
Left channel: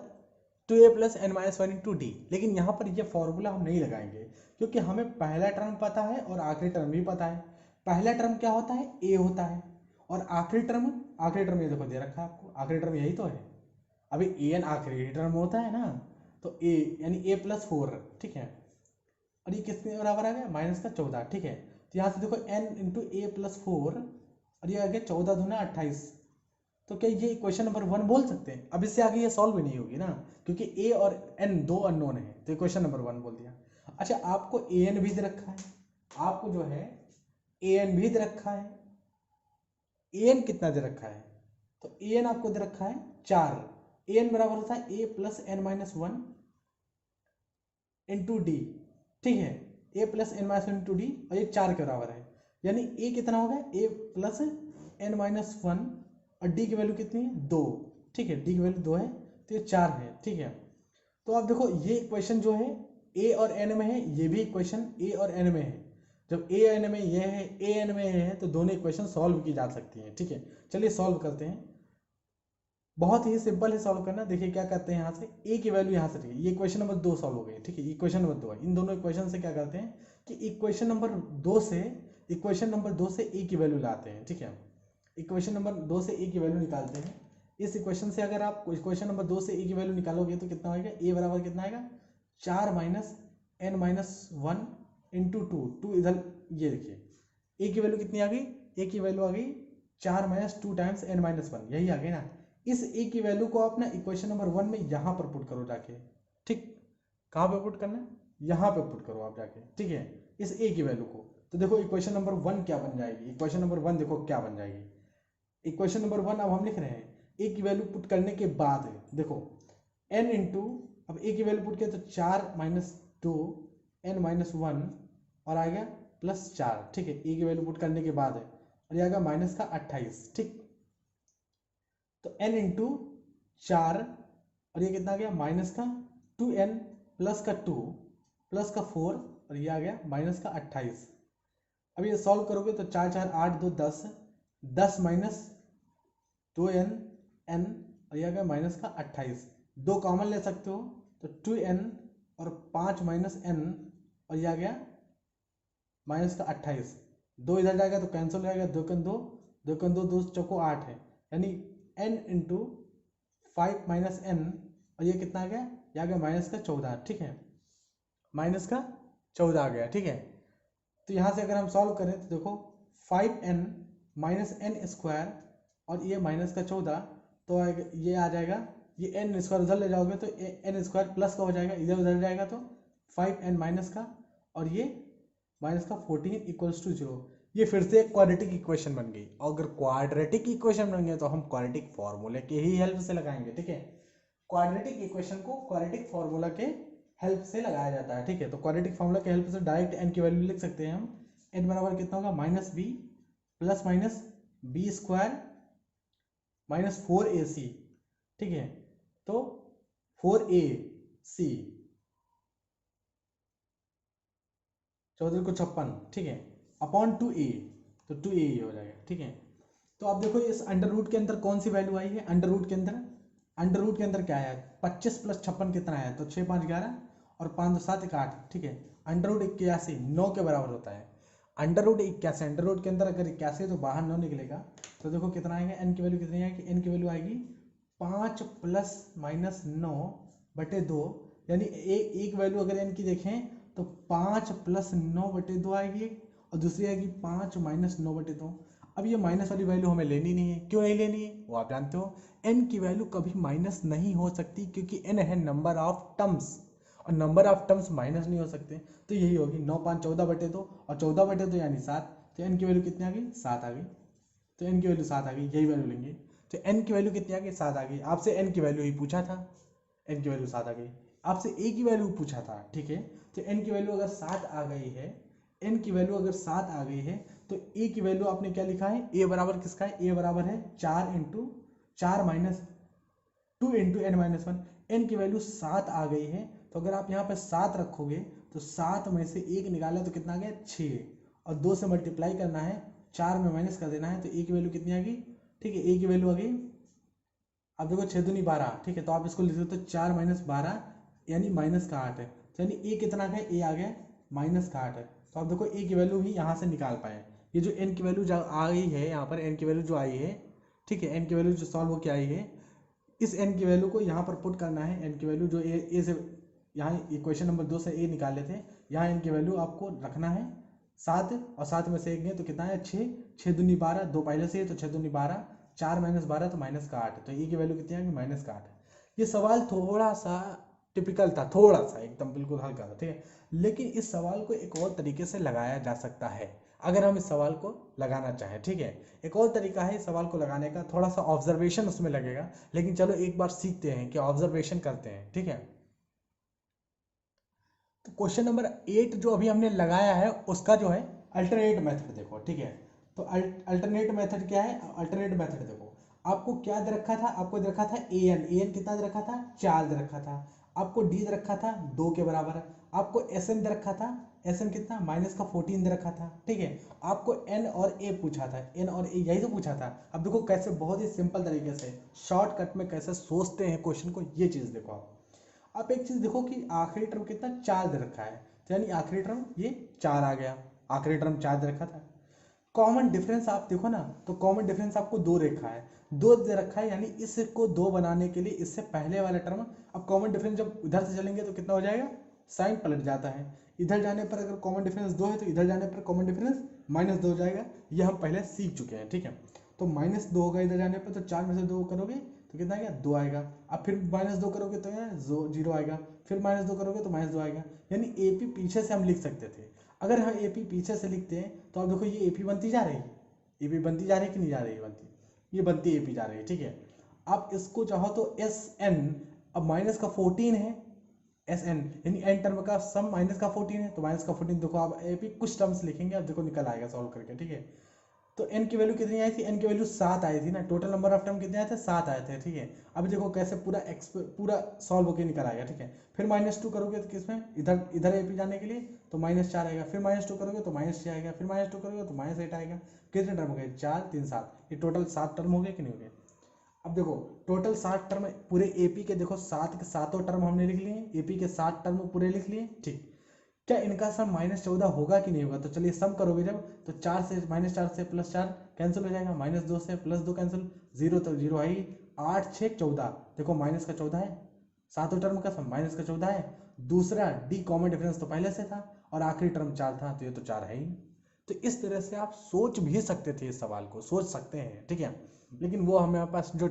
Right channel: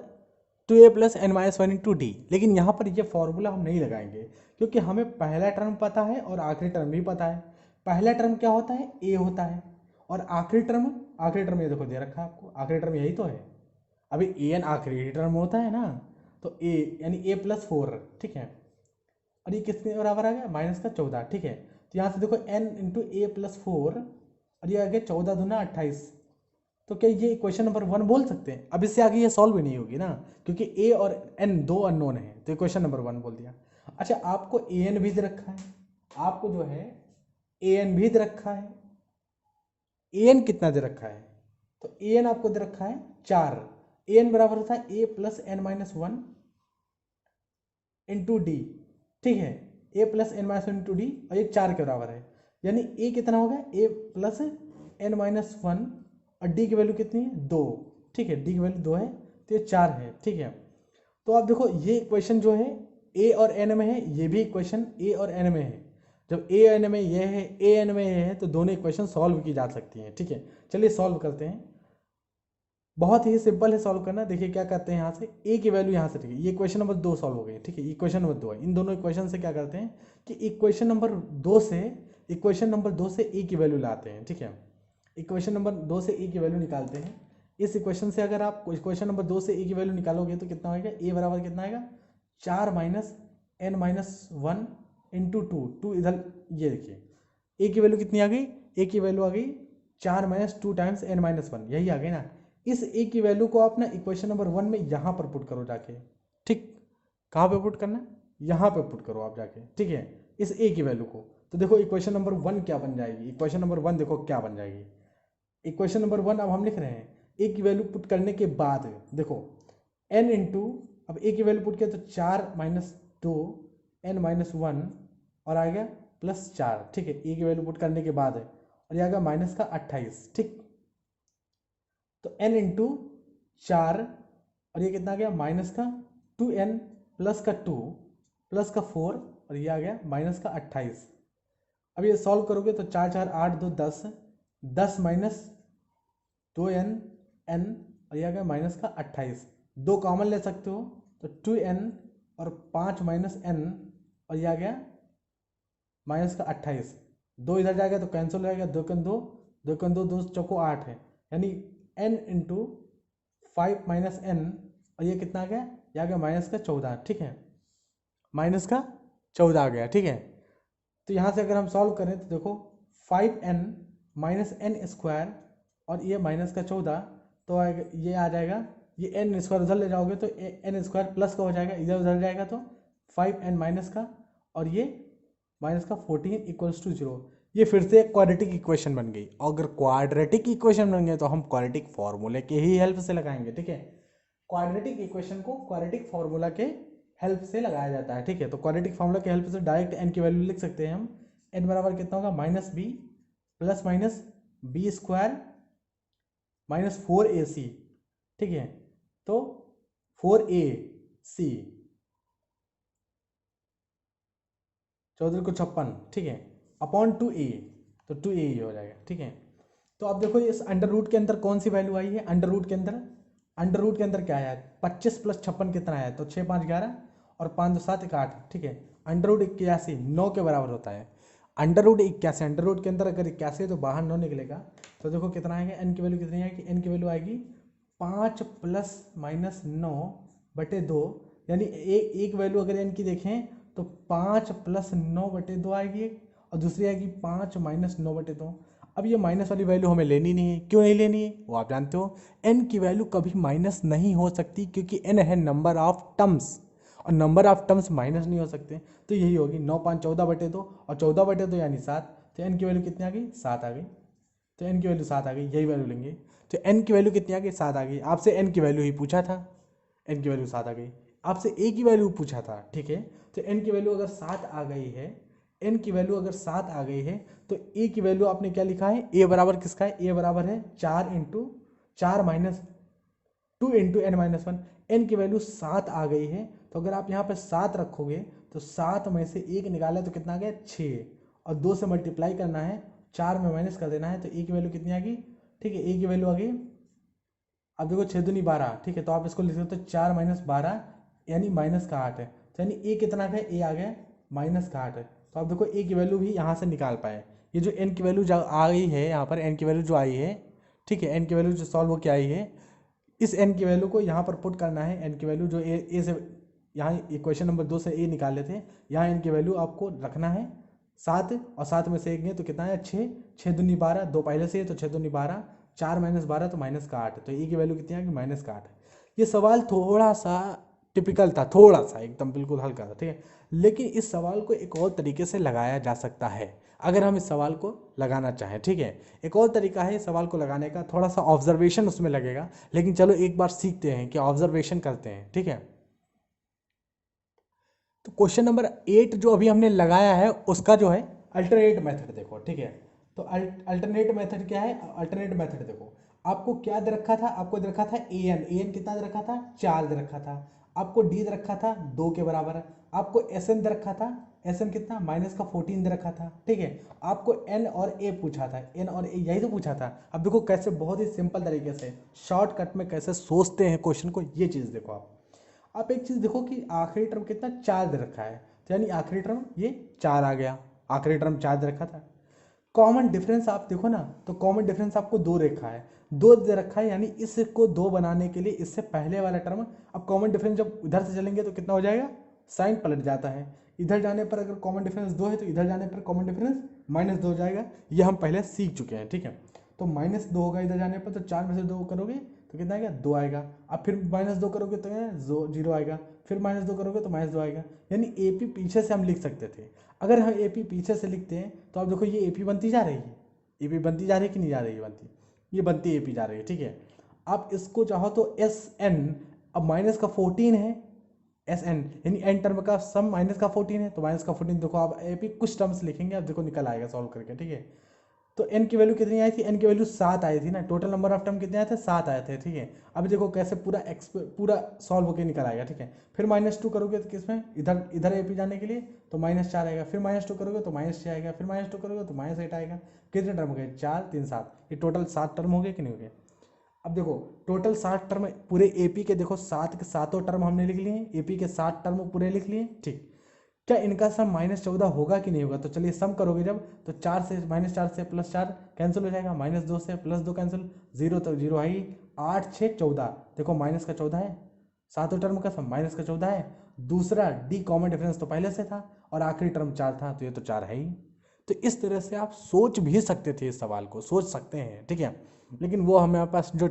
2a plus n minus one into d. लेकिन यहाँ पर ये फॉर्मूला हम नहीं लगाएंगे क्योंकि हमें पहला टर्म पता है और आखिरी टर्म भी पता है। पहला टर्म क्या होता है, ए होता है, और आखिरी टर्म ये देखो दे रखा है आपको, आखिरी टर्म यही तो है। अभी ए एन आखिरी टर्म होता है ना, तो ए यानी ए प्लस 4, ठीक है। और ये किसके बराबर आ गया, माइनस का 14, ठीक है। तो यहाँ से देखो एन इंटू ए प्लस 4 और ये आ गया 14 दूना 28। तो क्या ये इक्वेशन नंबर 1 बोल सकते हैं? अब इससे आगे ये सॉल्व भी नहीं होगी ना, क्योंकि ए और एन दो अननोन है, तो इक्वेशन नंबर 1 बोल दिया। अच्छा, आपको ए एन भी दे रखा है, आपको जो है ए एन भी दे रखा है। ए एन कितना दे रखा है, तो ए एन आपको दे रखा है 4। ए एन बराबर होता है a plus n minus one into d, ठीक है। A plus n minus one into d, और ये 4 के बराबर है, यानी ए कितना होगा, ए प्लस एन माइनस वन और डी की वैल्यू कितनी है, 2, ठीक है। डी की वैल्यू 2 है, तो ये 4 है, ठीक है। तो आप देखो ये इक्वेशन जो है ए और एन में है, ये भी इक्वेशन ए और एन में है। जब ए एन में ये है, ए एन में ये है, तो दोनों इक्वेशन सॉल्व की जा सकती हैं, ठीक है। चलिए सॉल्व करते हैं, बहुत ही सिंपल है सॉल्व करना। देखिए क्या करते हैं, यहाँ से ए की वैल्यू यहाँ से, ठीक है, ये इक्वेशन नंबर 2 सॉल्व हो गई, ठीक है। इक्वेशन नंबर 2 है, इन दोनों इक्वेशन से क्या करते हैं कि इक्वेशन नंबर 2 से ए की वैल्यू लाते हैं, ठीक है। इक्वेशन नंबर 2 से ए की वैल्यू निकालते हैं। इस इक्वेशन से अगर आप इक्वेशन नंबर 2 से ए की वैल्यू निकालोगे तो कितना होगा, ए बराबर कितना आएगा, 4 minus n minus one into two इधर, ये देखिए ए की वैल्यू कितनी आ गई, ए की वैल्यू आ गई 4 minus 2 times n minus one, यही आ गई ना। इस ए की वैल्यू को आप ना इक्वेशन नंबर 1 में यहाँ पर पुट करो जाके, ठीक। कहाँ पे पुट करना है, यहाँ पे पुट करो आप जाके, ठीक है, इस ए की वैल्यू को। तो देखो इक्वेशन नंबर 1 क्या बन जाएगी, इक्वेशन नंबर 1 देखो क्या बन जाएगी। इक्वेशन नंबर 1 अब हम लिख रहे हैं, ए की वैल्यू पुट करने के बाद देखो एन इंटू, अब ए की वैल्यू पुट किया तो 4 माइनस 2 एन माइनस वन और आ गया प्लस 4, ठीक है। ए की वैल्यू पुट करने के बाद है, और ये आ गया माइनस का 28, ठीक। तो n इंटू 4 और ये कितना आ गया, माइनस का 2n प्लस का 2 प्लस का 4 और ये आ गया माइनस का 28। अब ये सॉल्व करोगे तो 4 4 8 2 10, 10 माइनस 2n n और ये आ गया माइनस का 28। 2 कॉमन ले सकते हो तो 2n और 5 माइनस n और ये आ गया माइनस का 28। 2 इधर जाएगा तो कैंसिल हो जाएगा, 2 कन 2, 2 कन 2, 2 चौको 8 है, यानी n इंटू 5 माइनस n और ये कितना आ गया, ये आ गया माइनस का 14, ठीक है। माइनस का 14 आ गया, ठीक है। तो यहाँ से अगर हम सॉल्व करें तो देखो 5n माइनस एन स्क्वायर और ये माइनस का 14, तो ये आ जाएगा, ये एन स्क्वायर उधर ले जाओगे तो एन स्क्वायर प्लस का हो जाएगा, इधर उधर जाएगा तो 5n माइनस का और ये माइनस का 14 इक्वल्स टू 0। ये फिर से एक क्वाड्रेटिक इक्वेशन बन गई, और अगर क्वाड्रेटिक इक्वेशन बन गए तो हम क्वाड्रेटिक फॉर्मूले के ही हेल्प से लगाएंगे, ठीक है। क्वाड्रेटिक इक्वेशन को क्वाड्रेटिक फॉर्मूला के हेल्प से लगाया जाता है, ठीक है। तो क्वाड्रेटिक फॉर्मूला के हेल्प से डायरेक्ट एन की वैल्यू लिख सकते हैं हम। एन बराबर कितना होगा, minus b plus minus b square minus 4ac, ठीक है। तो 4ac 14 को 56, ठीक है, अपॉन 2a, तो 2a ही हो जाएगा, ठीक है। तो आप देखो इस अंडर रूट के अंदर कौन सी वैल्यू आई है, अंडर रूट के अंदर क्या आया है, 25 प्लस 56 कितना आया है, तो 6 5 11 और 5 2 7 1 8, ठीक है। अंडर रूट 81 9 के बराबर होता है। अंडर रूट 81, अंडर रूट के अंदर अगर 81 है तो बाहर 9 निकलेगा, तो देखो कितना आएगा, एन की वैल्यू कितनी आएगी, एन की वैल्यू आएगी 5 प्लस माइनस 9 बटे 2, यानी एक वैल्यू अगर एन की देखें तो 5 प्लस 9 बटे 2 आएगी, और दूसरी आएगी 5 माइनस 9 बटे 2। अब ये माइनस वाली वैल्यू हमें लेनी नहीं है, क्यों नहीं लेनी है वो आप जानते हो, एन की वैल्यू कभी माइनस नहीं हो सकती, क्योंकि एन है नंबर ऑफ टर्म्स, और नंबर ऑफ टर्म्स माइनस नहीं हो सकते। तो यही होगी 9 5 14 बटे 2, और 14 बटे 2 यानी 7, तो एन की वैल्यू कितनी आ गई, 7 आ गई। तो एन की वैल्यू 7 आ गई, यही वैल्यू लेंगे। तो एन की वैल्यू कितनी आ गई, 7 आ गई। आपसे एन की वैल्यू ही पूछा था, एन की वैल्यू 7 आ गई। आपसे ए की वैल्यू पूछा था, ठीक है। तो एन की वैल्यू अगर 7 आ गई है, एन की वैल्यू अगर 7 आ गई है, तो ए की वैल्यू आपने क्या लिखा है, ए बराबर किसका है, ए बराबर है 4 into 4 minus 2 into n minus one. n की वैल्यू 7 आ गई है, तो अगर आप यहाँ पे 7 रखोगे तो 7 में से 1 निकाला तो कितना आ गया 6, और 2 से मल्टीप्लाई करना है, 4 में माइनस कर देना है, तो a की वैल्यू कितनी आ गई, ठीक है, a की वैल्यू आ गई, अब देखो 6 दूनी 12, ठीक है, तो आप इसको लिख सकते हो 4 माइनस 12 यानी माइनस का 8 है, तो यानी a कितना है, a आ गया माइनस का 8 है, तो आप देखो a की वैल्यू भी यहाँ से निकाल पाए। ये जो n की वैल्यू जो आ गई है यहाँ पर, n की वैल्यू जो आई है, ठीक है, n की वैल्यू जो सॉल्व होकर आई है, इस n की वैल्यू को यहाँ पर पुट करना है, n की वैल्यू जो a से यहाँ क्वेश्चन नंबर 2 से a निकाले थे, यहाँ n की वैल्यू आपको रखना है 7, और 7 में से 1 गए तो कितना है 6, 6 दूनी 12, 2 पहले से है तो 6 दूनी 12, 4 माइनस 12 तो माइनस का 8, तो ए की वैल्यू कितनी आ गई माइनस का 8। ये सवाल थोड़ा सा टिपिकल था, थोड़ा सा एकदम बिल्कुल हल्का था, ठीक है, लेकिन इस सवाल को एक और तरीके से लगाया जा सकता है अगर हम इस सवाल को लगाना चाहें, ठीक है। एक और तरीका है इस सवाल को लगाने का, थोड़ा सा ऑब्जर्वेशन उसमें लगेगा, लेकिन चलो एक बार सीखते हैं कि ऑब्जर्वेशन करते हैं, ठीक है। तो क्वेश्चन नंबर 8 जो अभी हमने लगाया है उसका जो है अल्टरनेट मेथड देखो, ठीक है। तो अल्टरनेट मेथड क्या है, अल्टरनेट मेथड देखो, आपको क्या दे रखा था, आपको दे रखा था an कितना दे रखा था 4 दे रखा था, आपको d दे रखा था 2 के बराबर, आपको sm दे रखा था, sm कितना माइनस का 14 दे रखा था, ठीक है। आपको n और a पूछा था, n और a यही तो पूछा था। अब देखो कैसे बहुत ही सिंपल तरीके से शॉर्टकट में कैसे सोचते हैं क्वेश्चन को, ये चीज़ देखो आप एक चीज देखो कि आखिरी टर्म कितना 4 दे रखा है, तो यानी आखिरी टर्म ये 4 आ गया, आखिरी टर्म 4 दे रखा था। कॉमन डिफरेंस आप देखो ना, तो कॉमन डिफरेंस आपको 2 रखा है, 2 दे रखा है, यानी इसको 2 बनाने के लिए इससे पहले वाला टर्म, अब कॉमन डिफरेंस जब इधर से चलेंगे तो कितना हो जाएगा, साइन पलट जाता है, इधर जाने पर अगर कॉमन डिफरेंस 2 है तो इधर जाने पर कॉमन डिफरेंस -2 हो जाएगा, ये हम पहले सीख चुके हैं, ठीक है। तो -2 होगा इधर जाने पर, तो 4 में से 2 करोगे तो कितना आएगा 2 आएगा, अब फिर -2 करोगे तो 0 आएगा, फिर -2 करोगे तो -2 आएगा, यानी AP पीछे से हम लिख सकते थे। अगर हम AP पीछे से लिखते हैं तो आप देखो ये AP बनती जा रही है, AP बनती जा रही है कि नहीं जा रही है, बनती, ये बनती AP जा रही है, ठीक है। आप इसको चाहो तो SN, अब माइनस का 14 है, SN यानी n टर्म का सम माइनस का 14 है, तो माइनस का 14 देखो आप AP कुछ टर्म्स लिखेंगे, अब देखो निकल आएगा सॉल्व करके, ठीक है। तो n की वैल्यू कितनी आई थी, n की वैल्यू 7 आई थी ना, टोटल नंबर ऑफ टर्म कितने आए थे 7 आए थे, ठीक है। अब देखो कैसे पूरा सॉल्व होकर निकल आएगा, ठीक है। फिर -2 करोगे तो किसमें, इधर इधर AP जाने के लिए तो -4 आएगा, फिर -2 करोगे तो -6 आएगा, फिर -2 करोगे तो -8 आएगा, कितने टर्म हो गए 4 3 7, ये टोटल 7 टर्म हो गए कि नहीं हो गए। अब देखो टोटल 7 टर्म पूरे AP के, देखो 7 के सातों टर्म हमने लिख लिए, AP के 7 टर्म पूरे लिख लिए, ठीक। क्या इनका सम -14 होगा कि नहीं होगा, तो चलिए सम करोगे जब, तो 4 से -4 से +4 कैंसिल हो जाएगा, -2 से +2 कैंसिल, 0 तो 0 है ही, 8 6 14, देखो माइनस का 14 है, सातों टर्म का सम माइनस का 14 है, दूसरा D कॉमन डिफरेंस तो पहले से था, और आखिरी टर्म 4 था, तो ये तो 4 है ही। तो इस तरह से आप सोच भी सकते थे, इस सवाल को सोच सकते हैं, ठीक है। लेकिन वो हमारे पास जो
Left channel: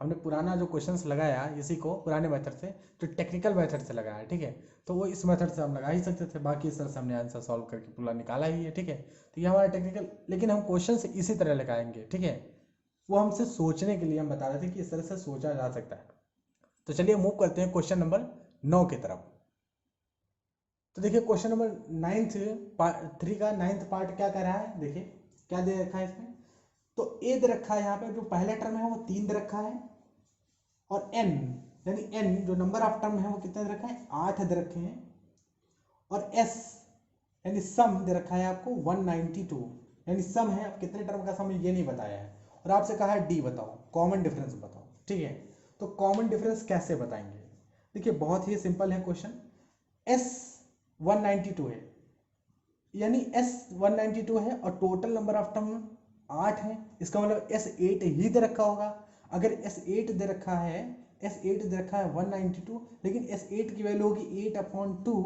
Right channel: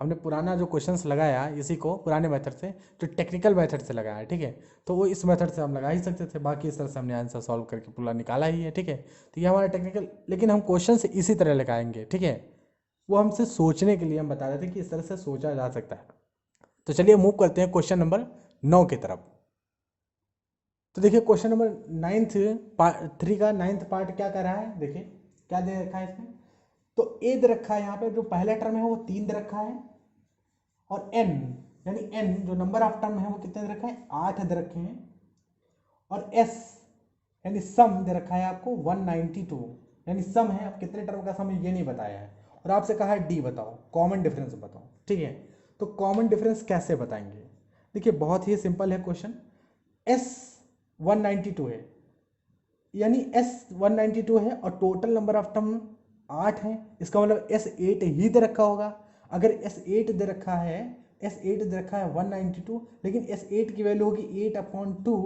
हमने पुराना जो क्वेश्चंस लगाया इसी को पुराने मेथड से, जो टेक्निकल मेथड से लगाया, ठीक है, तो वो इस मेथड से हम लगा ही सकते थे, बाकी इस तरह से हमने आंसर सॉल्व करके पूरा निकाला ही है, ठीक है। तो ये हमारा टेक्निकल, लेकिन हम क्वेश्चन से इसी तरह लगाएंगे, ठीक है। वो हमसे सोचने के लिए हम बता रहे थे कि इस तरह से सोचा जा सकता है। तो चलिए मूव करते हैं क्वेश्चन नंबर 9 की तरफ। तो देखिए क्वेश्चन नंबर 3 का 9th पार्ट क्या कर रहा है, देखिए क्या दे रखा है इसमें। तो ए दे रखा है, यहाँ पे जो पहला टर्म है वो 3 दे रखा है, और n यानी n जो नंबर ऑफ टर्म है वो कितने दे रखा है 8 दे रखे हैं, और s यानी सम दे रखा है आपको 192, यानी सम है, अब कितने टर्म का सम है ये नहीं बताया है, और आपसे कहा है D बताओ, कॉमन डिफरेंस बताओ, ठीक है। तो कॉमन डिफरेंस कैसे बताएंगे, देखिए बहुत ही सिंपल है क्वेश्चन, s 192 है, यानी S 192 है, और टोटल नंबर ऑफ टर्म 8 है, इसका मतलब S8 ही दे रखा होगा। अगर S8 दे रखा है, S8 दे रखा है 192, लेकिन S8 की वैल्यू होगी 8/2,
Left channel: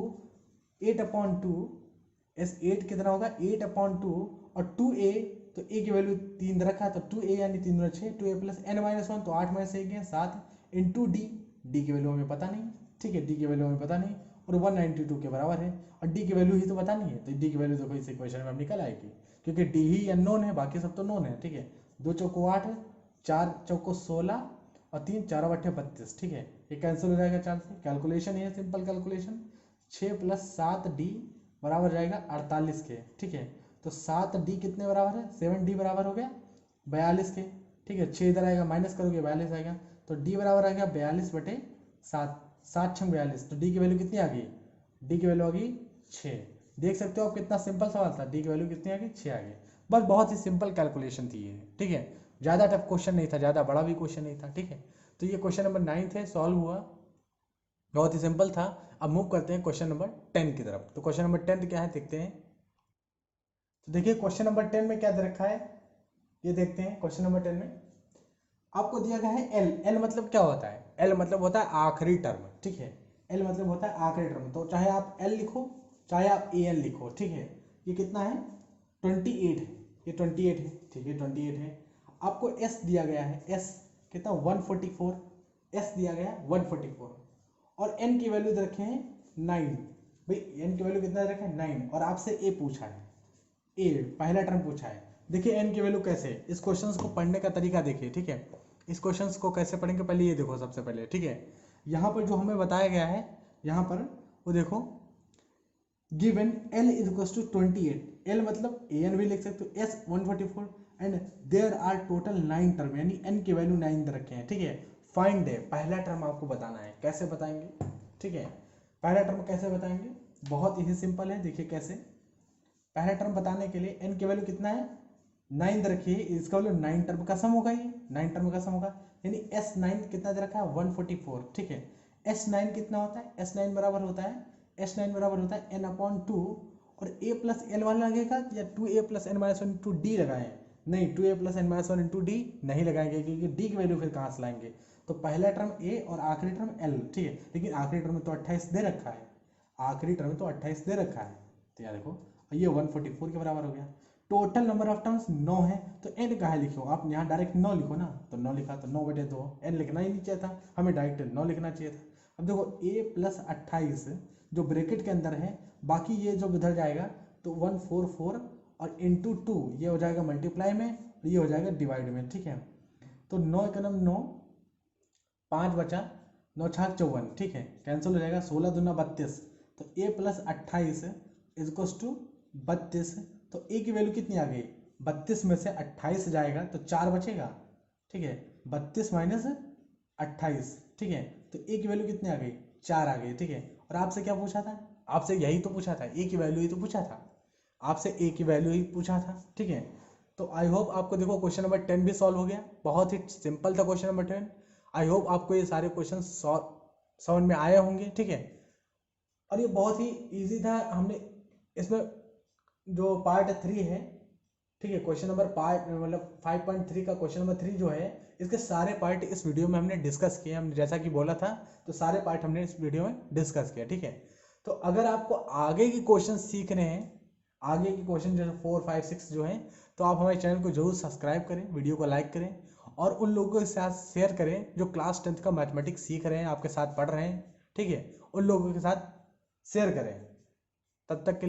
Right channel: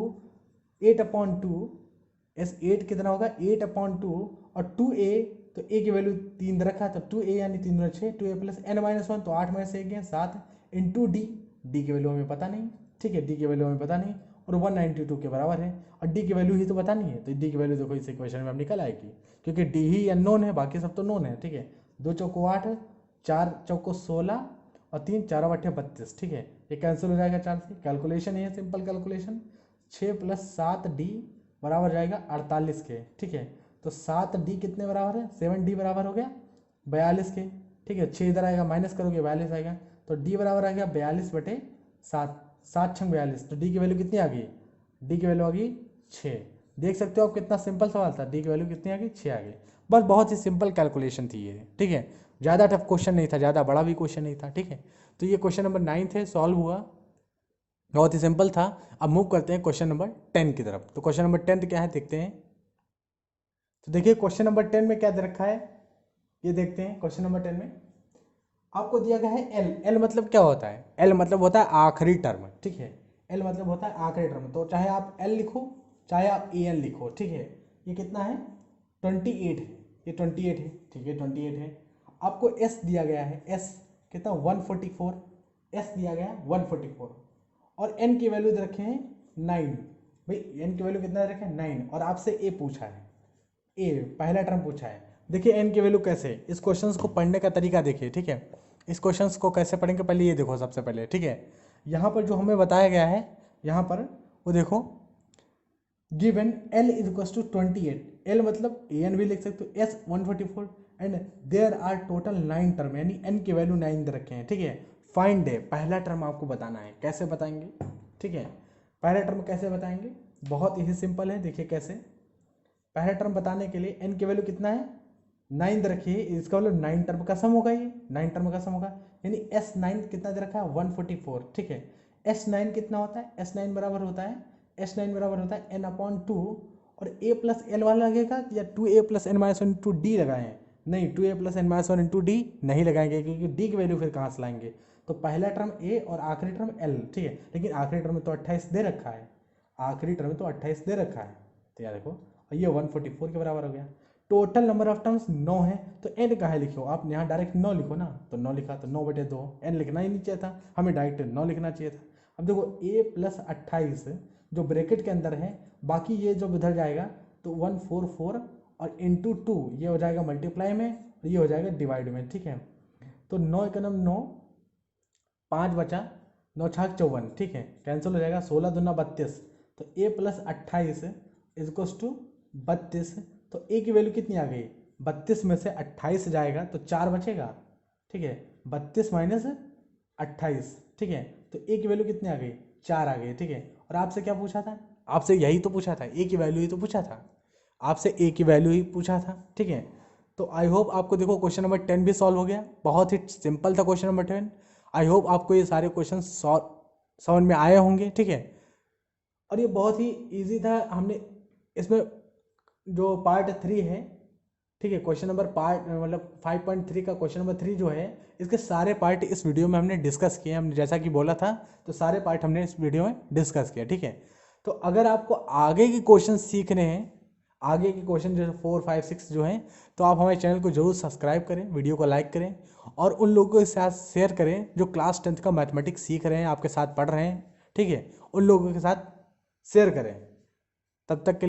8/2, S8 कितना होगा 8/2, और 2a, तो a की वैल्यू 3 दे रखा है, तो 2a यानी 3 दूना 6, 2a प्लस n-1, तो 8 में से 1 7 इंटू D की वैल्यू हमें पता नहीं, ठीक है, D की वैल्यू हमें पता नहीं, और 192 के बराबर है, और D की वैल्यू ही तो पता नहीं है, तो D की वैल्यू देखो इस इक्वेशन में अब निकल आएगी, क्योंकि D ही अननोन है, बाकी सब तो नोन है, ठीक है। 2 चौको 8, 4 चौको 16, और 3 4 8 32, ठीक है, ये कैंसिल हो जाएगा 4 से, कैलकुलेशन है सिंपल कैलकुलेशन, 6 + 7D बराबर जाएगा 48 के, ठीक है। तो 7D कितने बराबर है, 7D बराबर हो गया 42 के, ठीक है। 6 इधर आएगा माइनस करोगे 42 आएगा, तो D बराबर आ गया 42/7, 7, 7 6 42, तो डी की वैल्यू कितनी आ गई, डी की वैल्यू आ गई 6। देख सकते हो आप कितना सिंपल सवाल था, डी की वैल्यू कितनी आ गई 6 आ गई। बस बहुत ही सिंपल कैलकुलेशन थी ये, ठीक है, ज़्यादा टफ क्वेश्चन नहीं था, ज़्यादा बड़ा भी क्वेश्चन नहीं था, ठीक है। तो ये क्वेश्चन नंबर 9 है, सॉल्व हुआ, बहुत ही सिंपल था। अब मूव करते हैं क्वेश्चन नंबर 10 की तरफ। तो क्वेश्चन नंबर 10 क्या है देखते हैं। तो देखिए क्वेश्चन नंबर 10 में क्या दे रखा है, ये देखते हैं। क्वेश्चन नंबर 10 में आपको दिया गया है एल। एल मतलब क्या होता है, एल मतलब होता है आखिरी टर्म, ठीक है, एल मतलब होता है आखिरी टर्म। तो चाहे आप एल लिखो चाहे आप ए एल लिखो, ठीक है। ये कितना है 28 है, ये 28 है, ठीक है 28 है। आपको एस दिया गया है, एस कितना 144, एस दिया गया 144, और एन की वैल्यू दे रखे हैं 9। भाई एन की वैल्यू कितना दे रखे हैं 9, और आपसे ए पूछा है, ए पहला टर्म पूछा है। देखिए एन की वैल्यू कैसे, इस क्वेश्चन को पढ़ने का तरीका देखिए, ठीक है। इस क्वेश्चन को कैसे पढ़ेंगे, पहले ये देखो सबसे पहले, ठीक है। यहाँ पर जो हमें बताया गया है, यहाँ पर वो देखो, given l is equal to 28, l मतलब ए एन भी लिख सकते हो, s 144, and there are total 9 term, यानी एन की वैल्यू 9 दे रखे हैं, ठीक है। फाइंड है, पहला टर्म आपको बताना है, कैसे बताएंगे, ठीक है। पहला टर्म कैसे बताएंगे, बहुत ही सिंपल है, देखिए कैसे। पहला टर्म बताने के लिए एन की वैल्यू कितना है 9 दे रखी है, इसका मतलब 9 टर्म का सम होगा, ये 9 टर्म का सम होगा, यानी S9 कितना दे रखा है 144, ठीक है। S9 कितना होता है, S9 बराबर होता है, S9 बराबर होता है n/2, और a प्लस एल वाला लगेगा या 2a plus n minus one into d लगाएं, नहीं 2a plus n minus one into d नहीं लगाएंगे, क्योंकि डी की वैल्यू फिर कहाँ से लाएंगे। तो पहला टर्म a और आखिरी टर्म l, ठीक है, लेकिन आखिरी टर्म में तो 28 दे रखा है, आखिरी टर्म में तो 28 दे रखा है, तो यार देखो ये 144 के बराबर हो गया। टोटल नंबर ऑफ टर्म्स 9 है, तो n कहाँ लिखो आप, यहाँ डायरेक्ट 9 लिखो ना, तो 9 लिखा, तो 9/2, n लिखना ही नहीं चाहिए था, हमें डायरेक्ट 9 लिखना चाहिए था। अब देखो a प्लस 28 जो ब्रैकेट के अंदर है, बाकी ये जब उधर जाएगा तो 144 और इंटू 2 ये हो जाएगा मल्टीप्लाई में, और ये हो जाएगा डिवाइड में, ठीक है। तो 9 एक 9, 5 बचा, 9 छाक 54, ठीक है, कैंसिल हो जाएगा, 16 दूना 32, तो a प्लस 28 इजक्वल्स टू 32, तो a की वैल्यू कितनी आ गई, 32 में से 28 जाएगा तो 4 बचेगा, ठीक है, 32 माइनस 28, ठीक है, तो a की वैल्यू कितनी आ गई 4 आ गई, ठीक है। और आपसे क्या पूछा था, आपसे यही तो पूछा था, a की वैल्यू ही तो पूछा था, आपसे a की वैल्यू ही पूछा था, ठीक है। तो आई होप आपको देखो क्वेश्चन नंबर 10 भी सॉल्व हो गया, बहुत ही सिंपल था क्वेश्चन नंबर 10। आई होप आपको ये सारे क्वेश्चन समझ में आए होंगे, ठीक है। और ये बहुत ही इजी था, हमने इसमें जो पार्ट 3 है, ठीक है, क्वेश्चन नंबर पार्ट मतलब 5.3 का क्वेश्चन नंबर 3 जो है, इसके सारे पार्ट इस वीडियो में हमने डिस्कस किए, हमने जैसा कि बोला था, तो सारे पार्ट हमने इस वीडियो में डिस्कस किया, ठीक है। तो अगर आपको आगे के क्वेश्चन सीखने हैं, आगे के क्वेश्चन जैसे 4 5 6 जो हैं, तो आप हमारे चैनल को जरूर सब्सक्राइब करें, वीडियो को लाइक करें, और उन लोगों के साथ शेयर करें जो क्लास 10th का मैथमेटिक्स सीख रहे हैं, आपके साथ पढ़ रहे हैं, ठीक है, उन लोगों के साथ शेयर करें। तब तक के